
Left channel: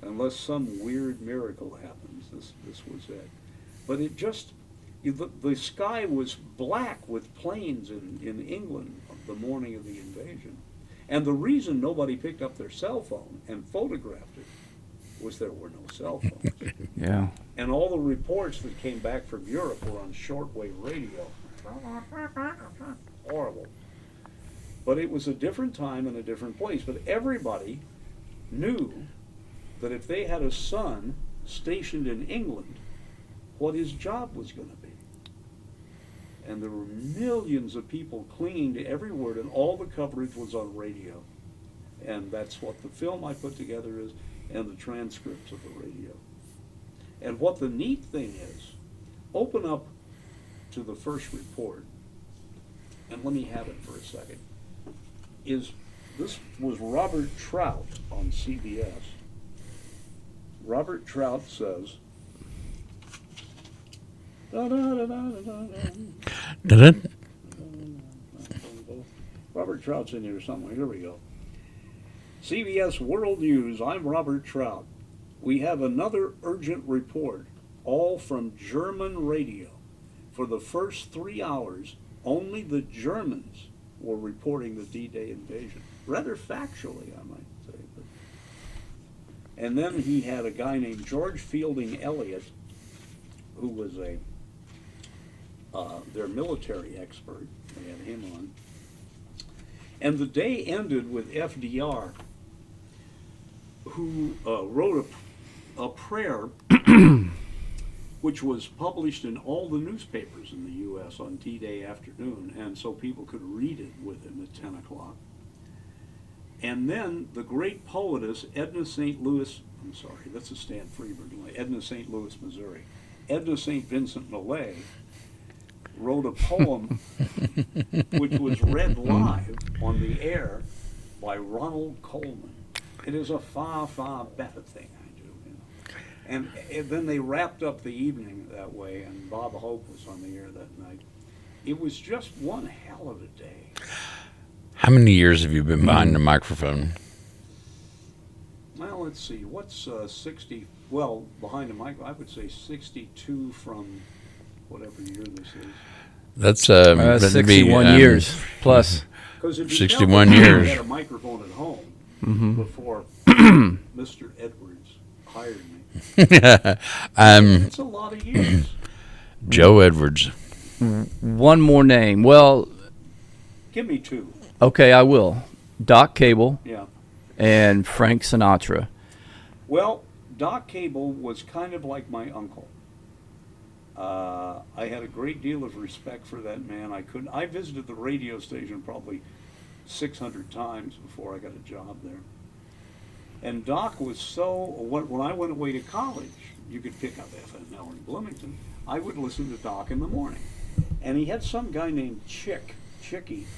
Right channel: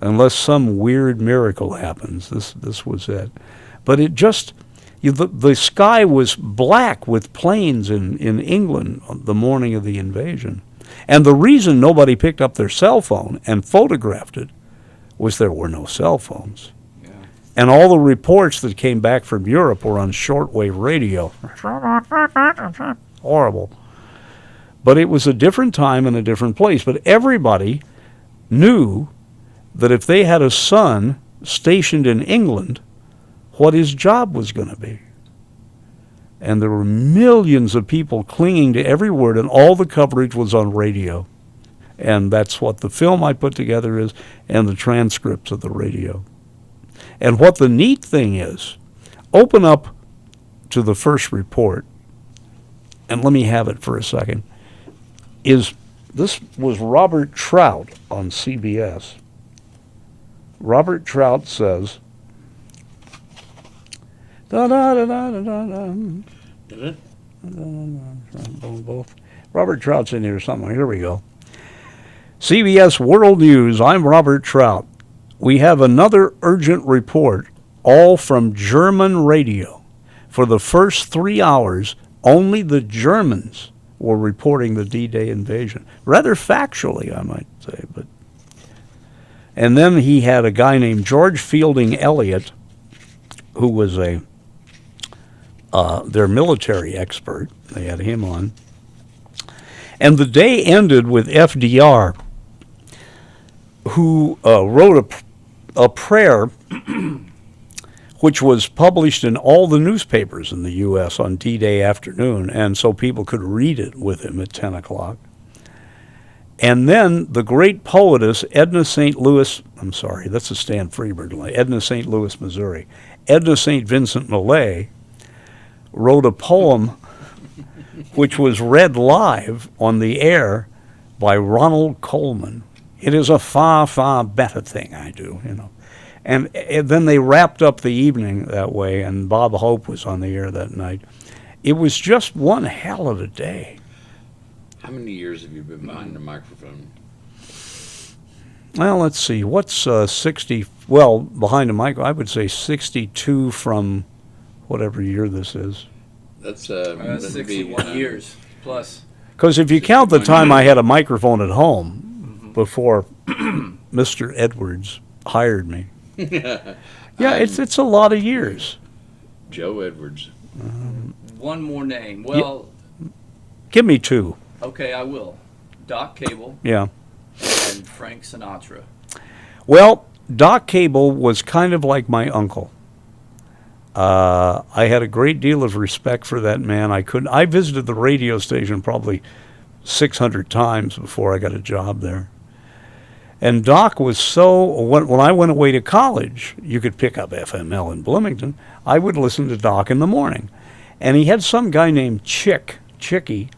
Unless some weird miracle happens, this was it. But it just, the sky was black with planes in England the morning of the invasion. And the reason nobody picked up their cell phone and photographed it was there were no cell phones. Yeah. And all the reports that came back from Europe were on shortwave radio. Horrible. But it was a different time and a different place. But everybody knew that if they had a son stationed in England, what his job was going to be. And there were millions of people clinging to every word, and all the coverage was on radio. And that's what the film I put together is, and the transcripts of the radio. And what the neat thing is, open up to the first report, and let me have it for a second, this was Robert Trout on CBS. Robert Trout says, Robert Trout's in here somewhere. Here we go. CBS World News, I'm Robert Trout. We have another urgent report, all from German radio. For the first 3 hours, only the Germans were reporting the D-Day invasion. Rather factually, I might say. And then he had a guy named George Fielding Eliot, who was their military expert. They had him on. And the day ended with FDR, who wrote a prayer which was published in all the newspapers in the U.S. on D-Day afternoon, and so people could read it with him at 10 o'clock. And then the great poetess Edna St. Louis, I'm sorry, that's a Stan Freberg line, Edna St. Louis, Missouri. Edna St. Vincent Millay wrote a poem which was read live on the air by Ronald Coleman. It is a far, far better thing I do, you know. And then they wrapped up the evening that way, and Bob Hope was on the air that night. It was just one hell of a day. How many years have you been behind the microphone? Well, let's see. What's 60? Well, behind the mic, I would say 62 from whatever year this is. That's 61 years plus. Because if you count the 61 time I years. had a microphone at home before Mr. Edwards hired me, it's a lot of years. Joe Edwards. One more name. Well, Give me two. okay, I will. Doc Cable Yeah. and Frank Sinatra. Well, Doc Cable was kind of like my uncle. I had a great deal of respect for that man. I visited the radio station probably 600 times before I got a job there. And Doc was when I went away to college, you could pick up FML in Bloomington. I would listen to Doc in the morning. And he had some guy named Chicky,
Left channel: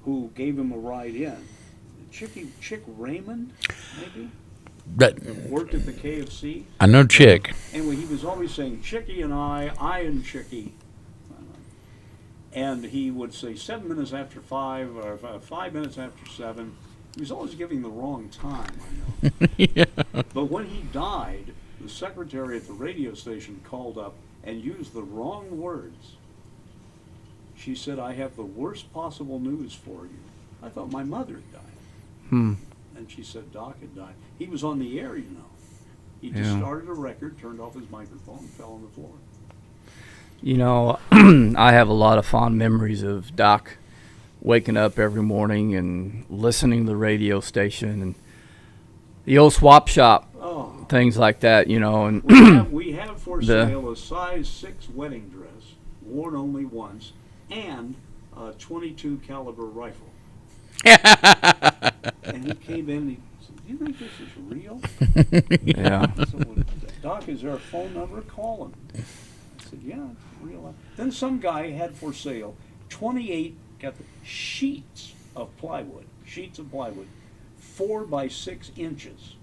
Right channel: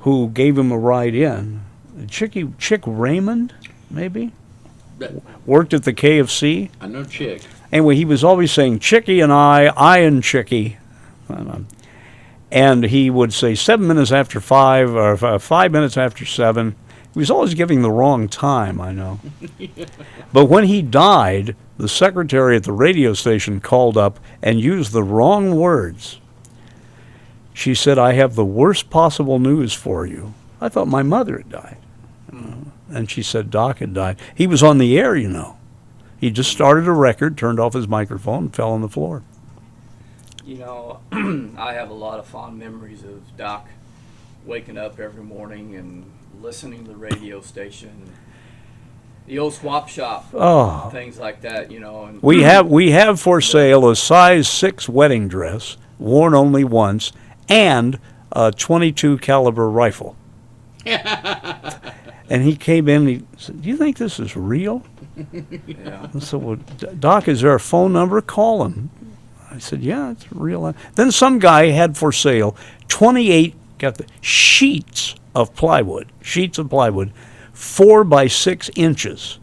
who gave him a ride in. Chick Raymond, maybe? Worked at the KFC. I know Chick. Anyway, he was always saying, Chicky and I and Chicky. And he would say 7 minutes after 5 or 5 minutes after 7. He was always giving the wrong time, I know. Yeah. But when he died, the secretary at the radio station called up and used the wrong words. She said, I have the worst possible news for you. I thought my mother had died. And she said Doc had died. He was on the air, you know. He just started a record, turned off his microphone, and fell on the floor. You know, I have a lot of fond memories of Doc waking up every morning and listening to the radio station and the old swap shop, things like that, you know. And We have for sale a size 6 wedding dress, worn only once, and a .22 caliber rifle. And he came in and he said, do you think this is real? yeah. I said, well, Doc, is there a phone number? Call him. I said, yeah, it's real. Then some guy had for sale 28 sheets of plywood, 4 by 6 inches.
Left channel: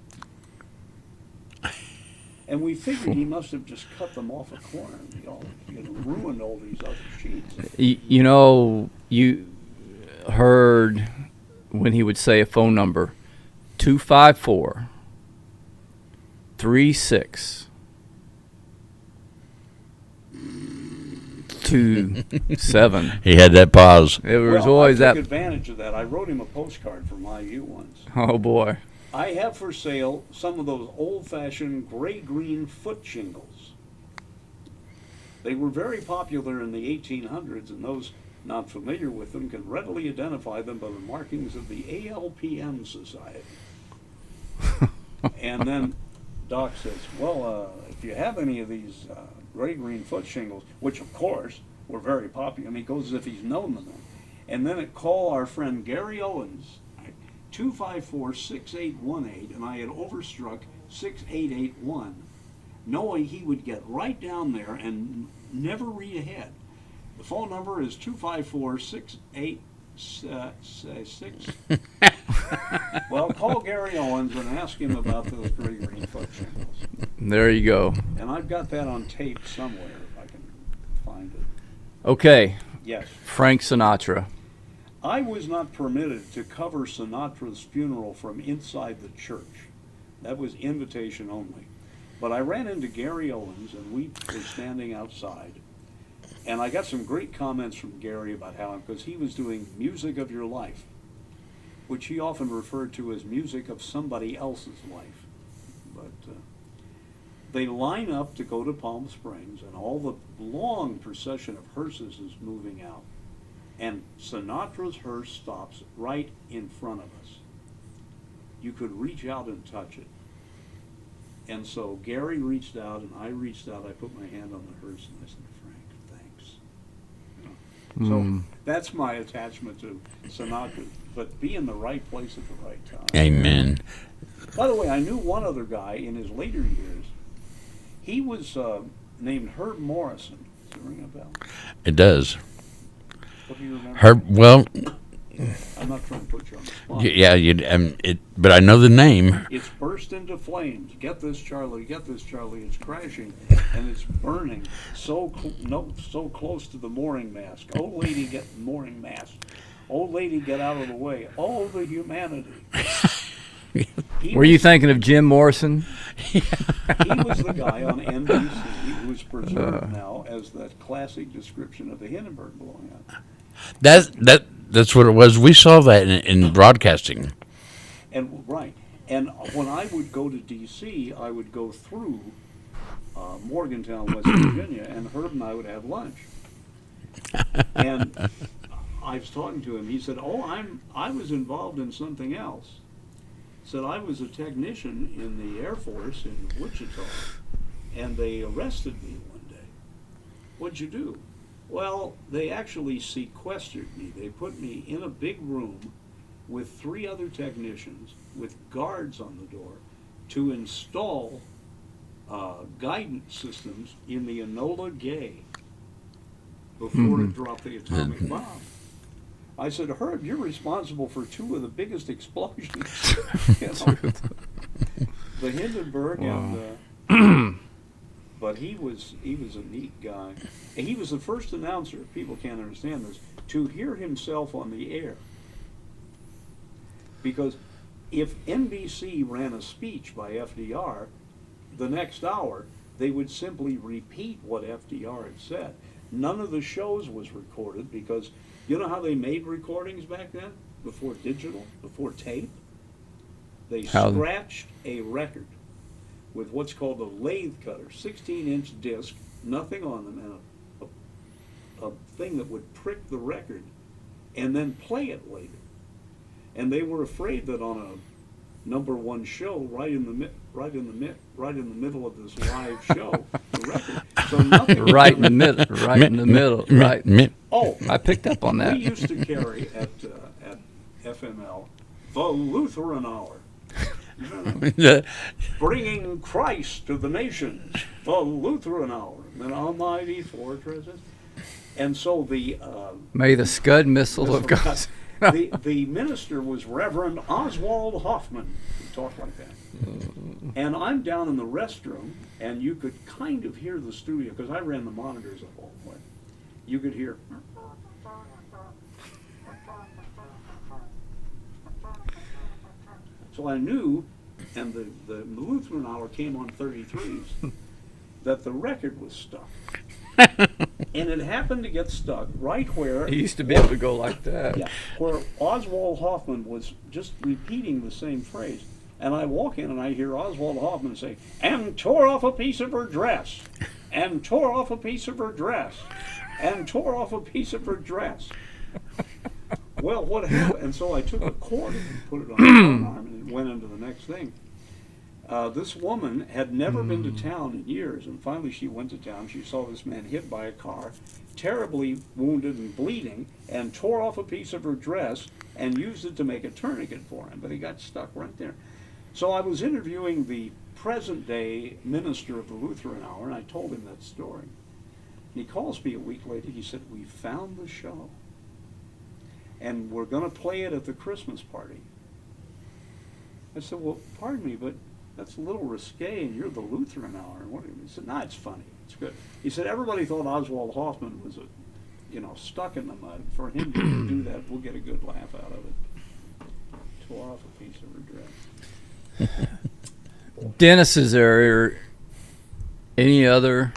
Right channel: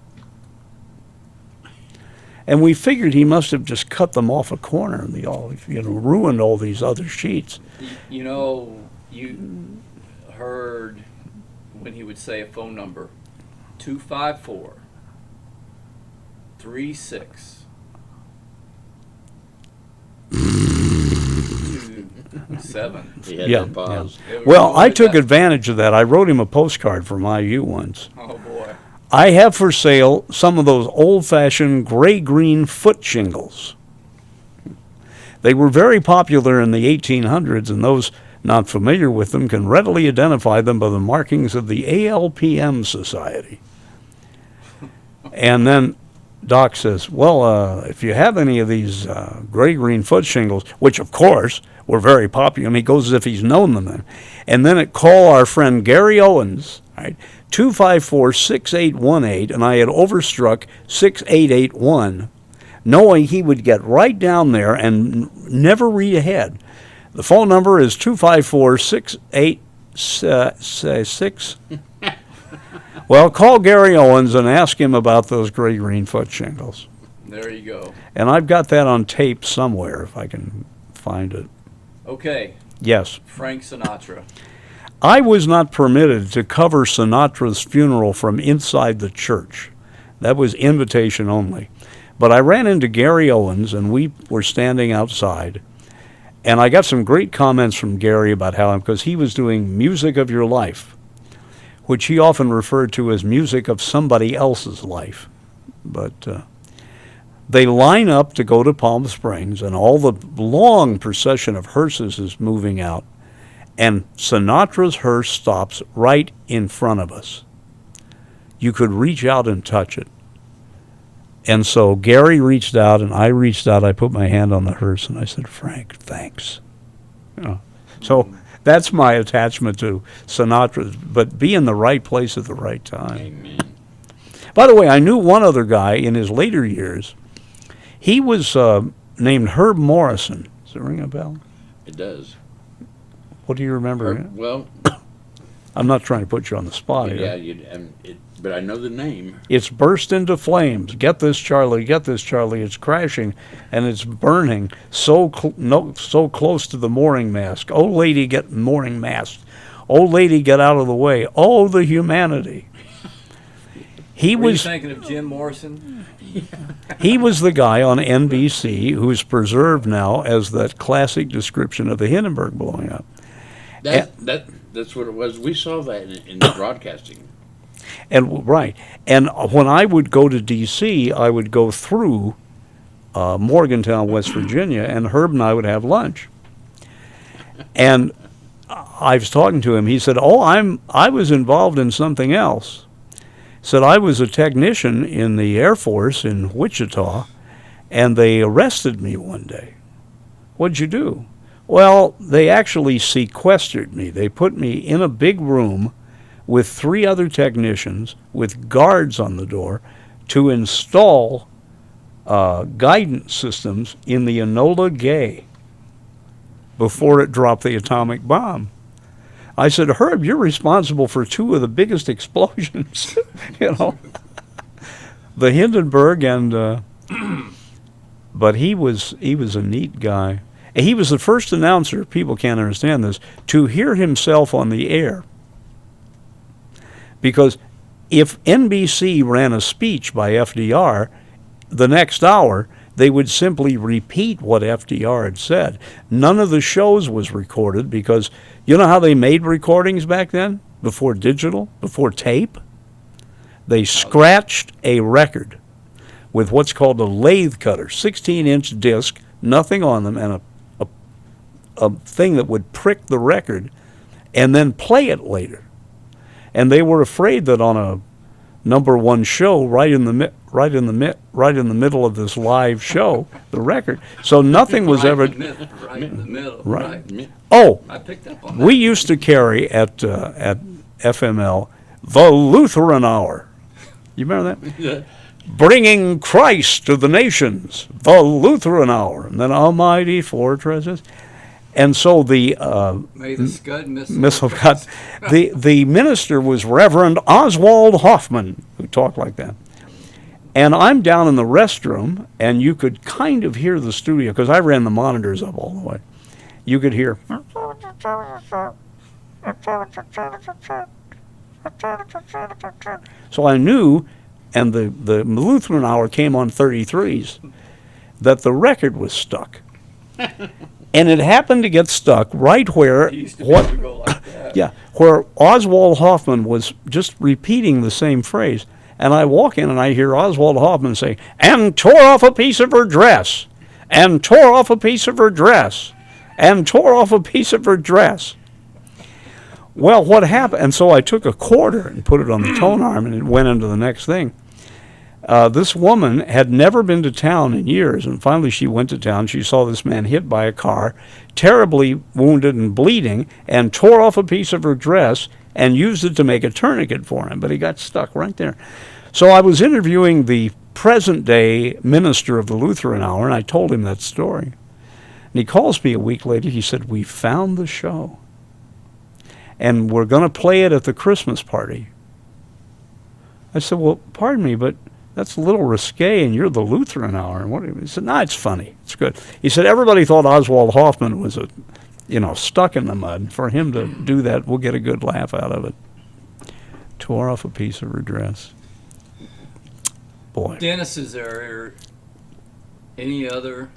And we figured he must have just cut them off a corner and ruined all these other sheets. You know, you heard when he would say a phone number, 254 36 27. He had that pause. Well, I took advantage of that. I wrote him a postcard from IU once. Oh, boy. I have for sale some of those old-fashioned gray-green foot shingles. They were very popular in the 1800s, and those not familiar with them can readily identify them by the markings of the ALPM Society. And then Doc says, well, if you have any of these gray-green foot shingles, which, of course, were very popular, and he goes as if he's known them then. And then call our friend Gary Owens, right? 254-6818, and I had overstruck 6881, knowing he would get right down there and never read ahead. The phone number is 254-6866. Well, call Gary Owens and ask him about those gray-green foot shingles. There you go. And I've got that on tape somewhere if I can find it. Okay. Yes. Frank Sinatra. I was not permitted to cover Sinatra's funeral from inside the church. That was invitation only. But I ran into Gary Owens, and we were standing outside. And I got some great comments from Gary about how, because he was doing Music of Your Life, which he often referred to as music of somebody else's life. But they line up to go to Palm Springs, and all the long procession of hearses is moving out. And Sinatra's hearse stops right in front of us. You could reach out and touch it. And so Gary reached out, and I reached out. I put my hand on the hearse, and I said, Frank, thanks. So that's my attachment to Sinatra, but be in the right place at the right time. Amen. By the way, I knew one other guy in his later years. He was named Herb Morrison. Does it ring a bell? It does. What do you remember? Well, I'm not trying to put you on the spot. yeah, but I know the name. It's burst into flames. Get this, Charlie. Get this, Charlie. It's crashing, and it's burning so close to the mooring mast. Old lady, get mooring mast. Old lady, get out of the way. Oh, the humanity. Were you thinking of Jim Morrison? He was the guy on NBC who's preserved now as that classic description of the Hindenburg blowing up. That's what it was. We saw that in the broadcasting. And right. And when I would go to D.C., I would go through Morgantown, West Virginia, and Herb and I would have lunch. And I was talking to him. He said, I was involved in something else. Said I was a technician in the Air Force in Wichita, and they arrested me one day. What'd you do? Well, they actually sequestered me. They put me in a big room with 3 other technicians with guards on the door to install guidance systems in the Enola Gay before it dropped the atomic bomb. I said, Herb, you're responsible for 2 of the biggest explosions, the Hindenburg and, but he was a neat guy. He was the first announcer, people can't understand this, to hear himself on the air. Because if NBC ran a speech by FDR, the next hour, they would simply repeat what FDR had said. None of the shows was recorded because you know how they made recordings back then? Before digital, before tape? They scratched a record with what's called a lathe cutter, 16-inch disc, nothing on them, and a thing that would prick the record and then play it later. And they were afraid that on a #1 show, right in the middle of this live show, the record. So nothing was right ever in the middle, right? Oh, I picked up on that. we used to carry at FML the Lutheran Hour. You remember that? Bringing Christ to the nations, the Lutheran Hour, and then Almighty Fortresses. And so the May the Scud missile of God. The minister was Reverend Oswald Hoffman, who talked like that. And I'm down in the restroom, and you could kind of hear the studio, because I ran the monitors up all the way. You could hear. So I knew, and the Lutheran Hour came on 33s, that the record was stuck. And it happened to get stuck right where He used to be able to go like that. yeah, where Oswald Hoffman was just repeating the same phrase. And I walk in and I hear Oswald Hoffman say, and tore off a piece of her dress, and tore off a piece of her dress, and tore off a piece of her dress. Well, what happened? And so I took a quarter and put it on the tone arm, and it went into the next thing. This woman had never been to town in years, and finally she went to town. She saw this man hit by a car, terribly wounded and bleeding, and tore off a piece of her dress and used it to make a tourniquet for him, but he got stuck right there. So I was interviewing the present-day minister of the Lutheran Hour, and I told him that story. And he calls me a week later. He said, we found the show, and we're going to play it at the Christmas party. I said, well, pardon me, but that's a little risque, and you're the Lutheran Hour. And what? He said, no, it's funny. It's good. He said, everybody thought Oswald Hoffman was stuck in the mud. For him to do that, we'll get a good laugh out of it. Tore off a piece of her dress. Boy. Dennis, is there any other?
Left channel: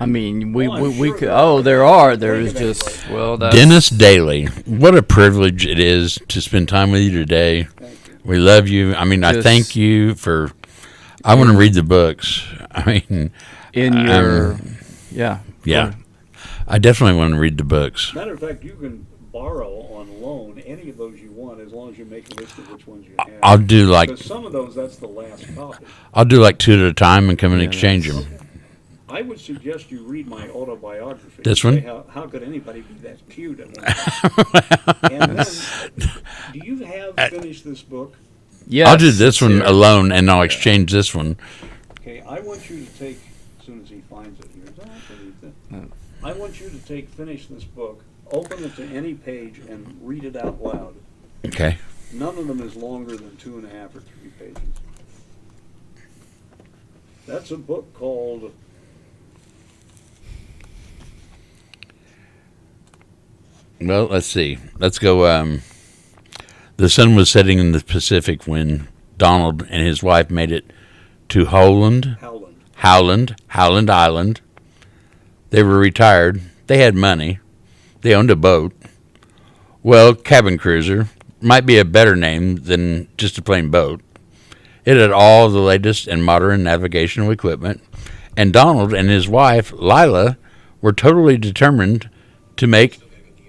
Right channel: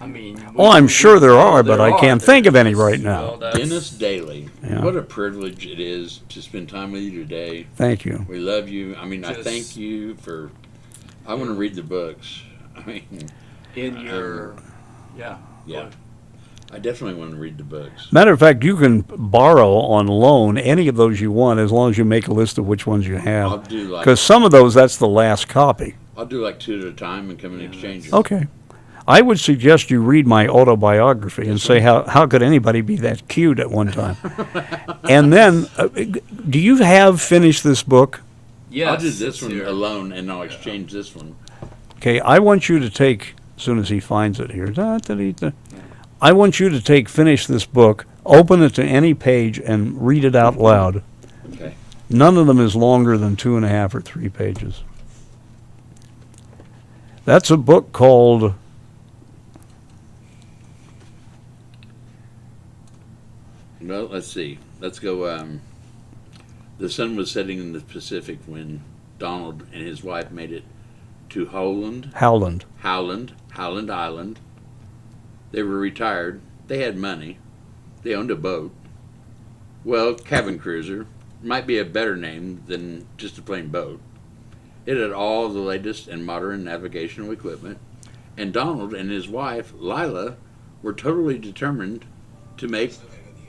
I mean, I'm sure there are, but I can't think of any There's right now. well, that's- Dennis Daly, what a privilege it is to spend time with you today. Thank you. We love you. I mean, I Just- thank you for. I want to read the books. I mean, in your, yeah. yeah, I definitely want to read the books. Matter of fact, you can borrow on loan any of those you want as long as you make a list of which ones you have. I'll do like Because some of those, that's the last copy. I'll do like 2 at a time and come and exchange them. Okay. I would suggest you read my autobiography and This say, one? how could anybody be that cute at one time? And then, do you have finished this book? Yes, I'll do this it's one here. alone, and I'll exchange this one. Okay, I want you to take, as soon as he finds it here, I want you to finish this book, open it to any page, and read it out loud. Okay. None of them is longer than 2.5 or 3 pages. That's a book called Well, let's see. Let's go. The sun was setting in the Pacific when Donald and his wife made it to Howland Island. They were retired. They had money. They owned a boat. Well, cabin cruiser might be a better name than just a plain boat. It had all the latest and modern navigational equipment, and Donald and his wife, Lila, were totally determined to make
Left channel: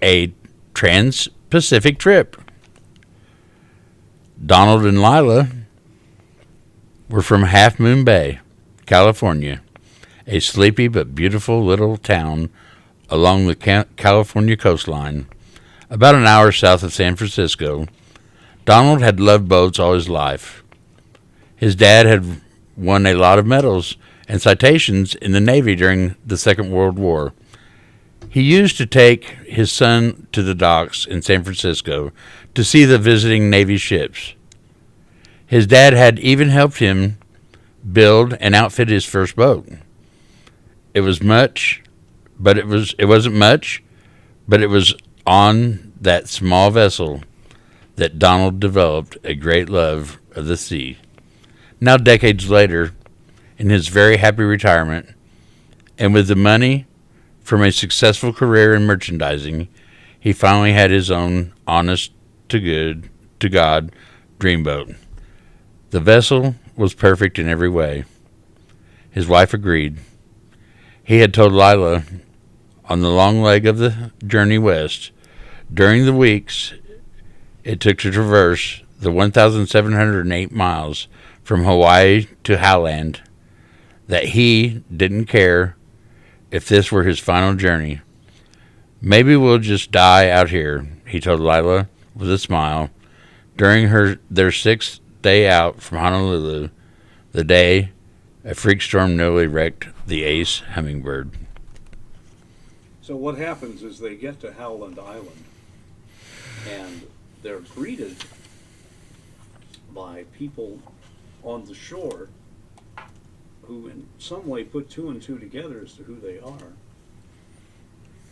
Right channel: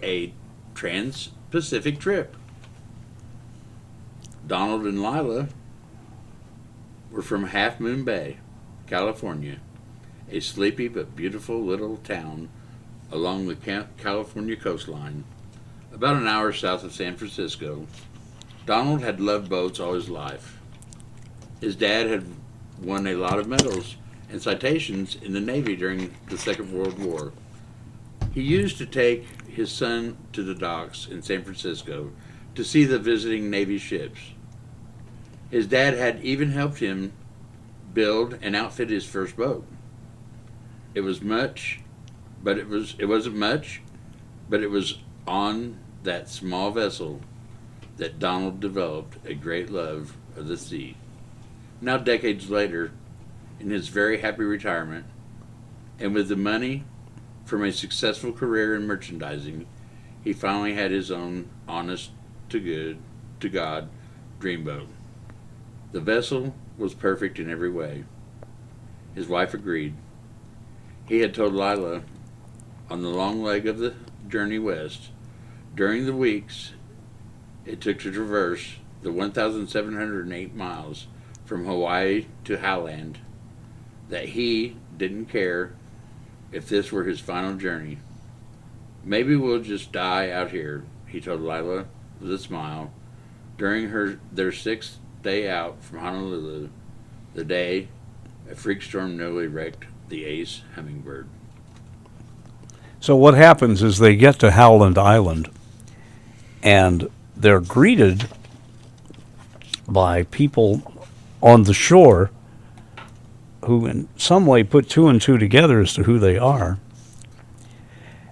a trans-Pacific trip. Donald and Lila were from Half Moon Bay, California, a sleepy but beautiful little town along the California coastline, about an hour south of San Francisco. Donald had loved boats all his life. His dad had won a lot of medals and citations in the Navy during the Second World War. He used to take his son to the docks in San Francisco to see the visiting Navy ships. His dad had even helped him build and outfit his first boat. It wasn't much, but it was on that small vessel that Donald developed a great love of the sea. Now, decades later, in his very happy retirement, and with the money from a successful career in merchandising, he finally had his own honest-to-God dreamboat. The vessel was perfect in every way. His wife agreed. He had told Lila on the long leg of the journey west, during the weeks it took to traverse the 1,708 miles from Hawaii to Howland, that he didn't care if this were his final journey. Maybe we'll just die out here, he told Lila with a smile, during their 6th day out from Honolulu, the day a freak storm nearly wrecked the Ace Hummingbird. So what happens is they get to Howland Island, and they're greeted by people on the shore who in some way put two and two together as to who they are.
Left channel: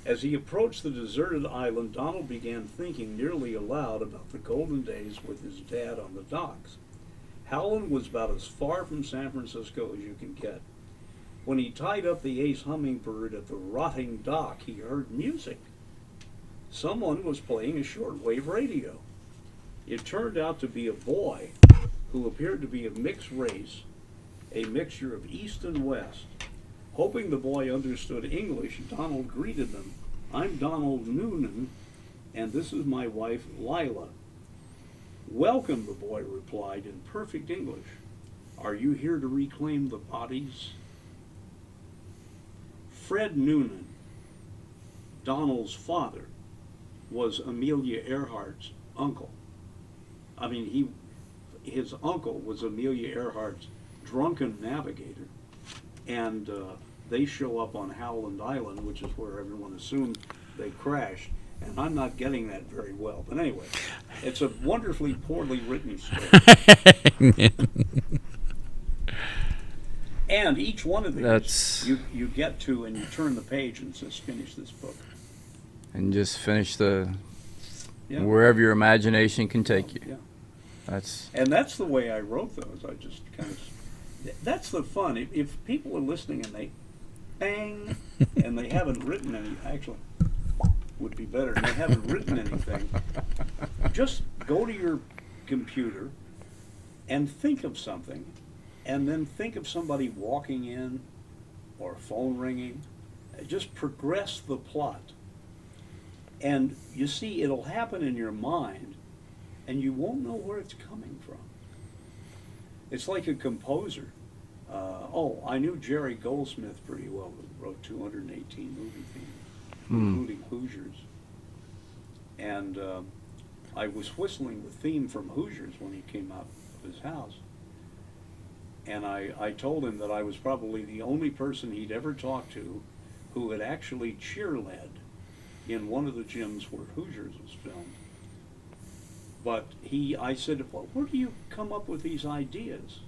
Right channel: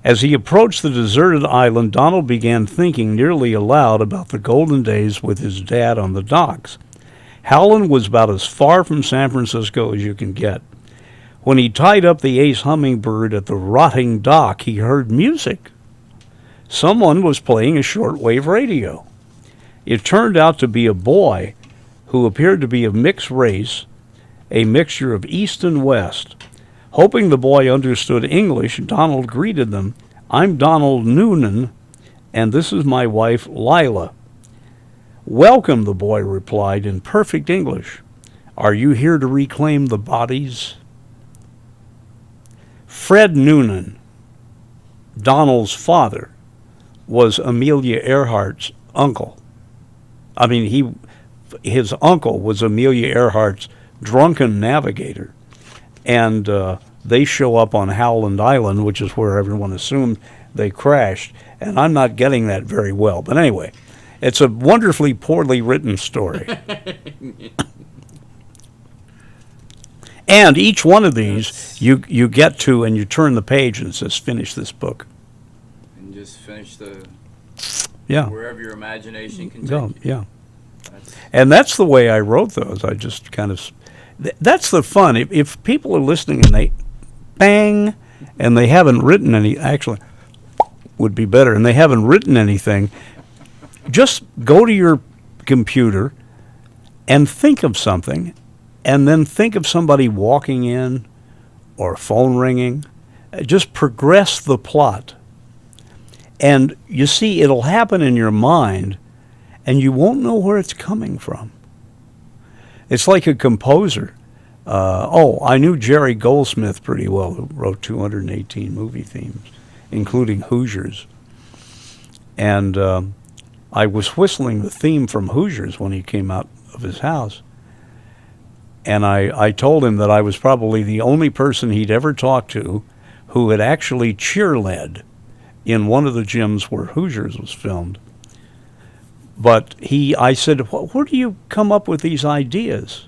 As he approached the deserted island, Donald began thinking nearly aloud about the golden days with his dad on the docks. Howland was about as far from San Francisco as you can get. When he tied up the Ace Hummingbird at the rotting dock, he heard music. Someone was playing a shortwave radio. It turned out to be a boy who appeared to be of mixed race, a mixture of East and West. Hoping the boy understood English, Donald greeted them. "I'm Donald Noonan, and this is my wife, Lila." "Welcome," the boy replied in perfect English. "Are you here to reclaim the bodies?" Fred Noonan, Donald's father, was Amelia Earhart's uncle. His uncle was Amelia Earhart's drunken navigator. And they show up on Howland Island, which is where everyone assumed they crashed. And I'm not getting that very well. But anyway, it's a wonderfully poorly written story. And each one of these, you get to and you turn the page and it says, "Finish this book." And just finish Yeah. wherever your imagination can take you. Yeah. That's And that's the way I wrote those. I just kind of, that's the fun. If people are listening and they bang and they haven't written any, actually would be better, and they haven't written anything, just go to your computer and think of something, and then think of somebody walking in or a phone ringing. Just progress the plot. And you see, it'll happen in your mind, and you won't know where it's coming from. It's like a composer. I knew Jerry Goldsmith pretty well, who wrote 218 movie themes, including Hoosiers. And I was whistling the theme from Hoosiers when he came out of his house. And I told him that I was probably the only person he'd ever talked to who had actually cheerled in one of the gyms where Hoosiers was filmed. But I said, "Where do you come up with these ideas?"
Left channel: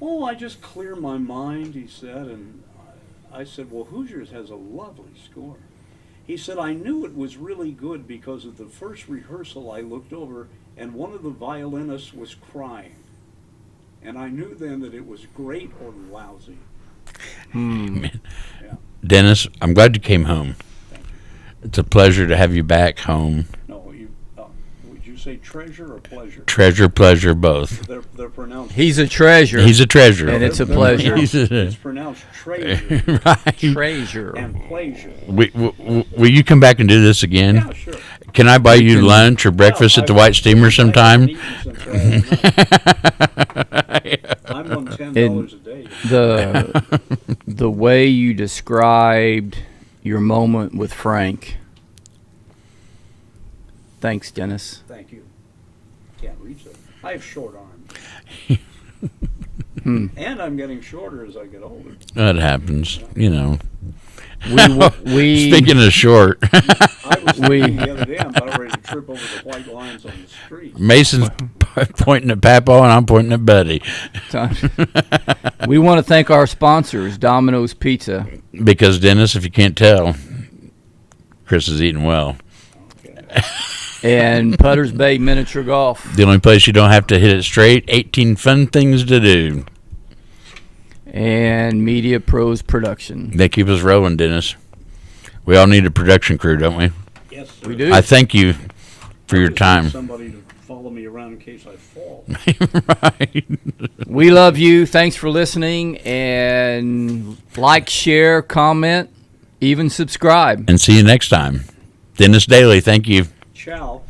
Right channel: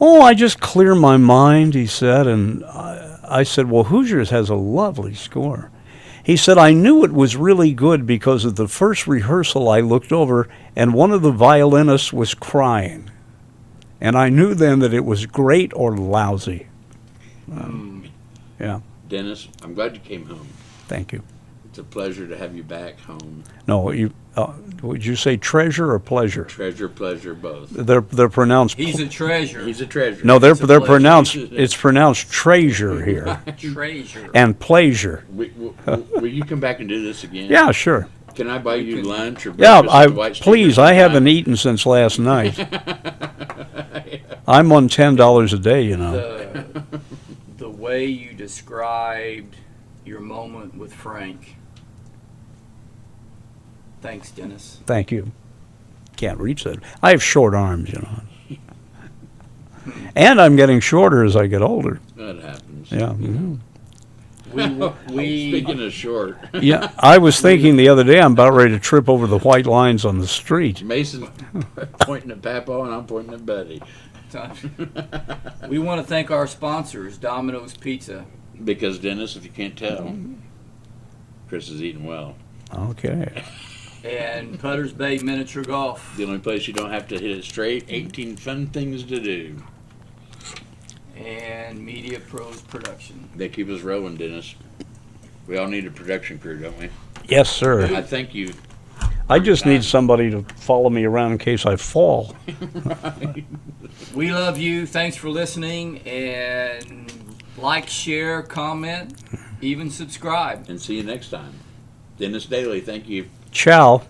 "Oh, I just clear my mind," he said. And I said, "Well, Hoosiers has a lovely score." He said, "I knew it was really good because at the first rehearsal I looked over and one of the violinists was crying. And I knew then that it was great or lousy." Yeah. Dennis, I'm glad you came home. Thank you. It's a pleasure to have you back home. No, would you say treasure or pleasure? Treasure, pleasure, both. They're pronounced. He's a treasure. He's a treasure. No, It's a they're pleasure. pronounced. It's pronounced treasure here. treasure. And pleasure. Will you come back and do this again? Yeah, sure. Can I buy you lunch or breakfast at the White Steamer please, sometime? I haven't eaten since last night. I'm on $10 a day, you know. The way you described your moment with Frank. Thanks, Dennis. Thank you. Can't reach that. I have short arms, you know. And I'm getting shorter as I get older. That happens. Yeah. You know. We Speaking of short, Yeah, I was thinking the other day I'm about ready to trip over the white lines on the street. Mason's pointing at Papa and I'm pointing at Buddy. we want to thank our sponsors, Domino's Pizza. Because, Dennis, if you can't tell, Chris is eating well. Okay. And Putter's Bay Miniature Golf. The only place you don't have to hit it straight, 18 fun things to do. And Media Pros Production. They keep us rolling, Dennis. We all need a production crew, don't we? Yes, sir. I thank you for I your just time. need somebody to follow me around in case I fall. Right. We love you. Thanks for listening. And like, share, comment, even subscribe. And see you next time. Dennis Daly, thank you. Ciao.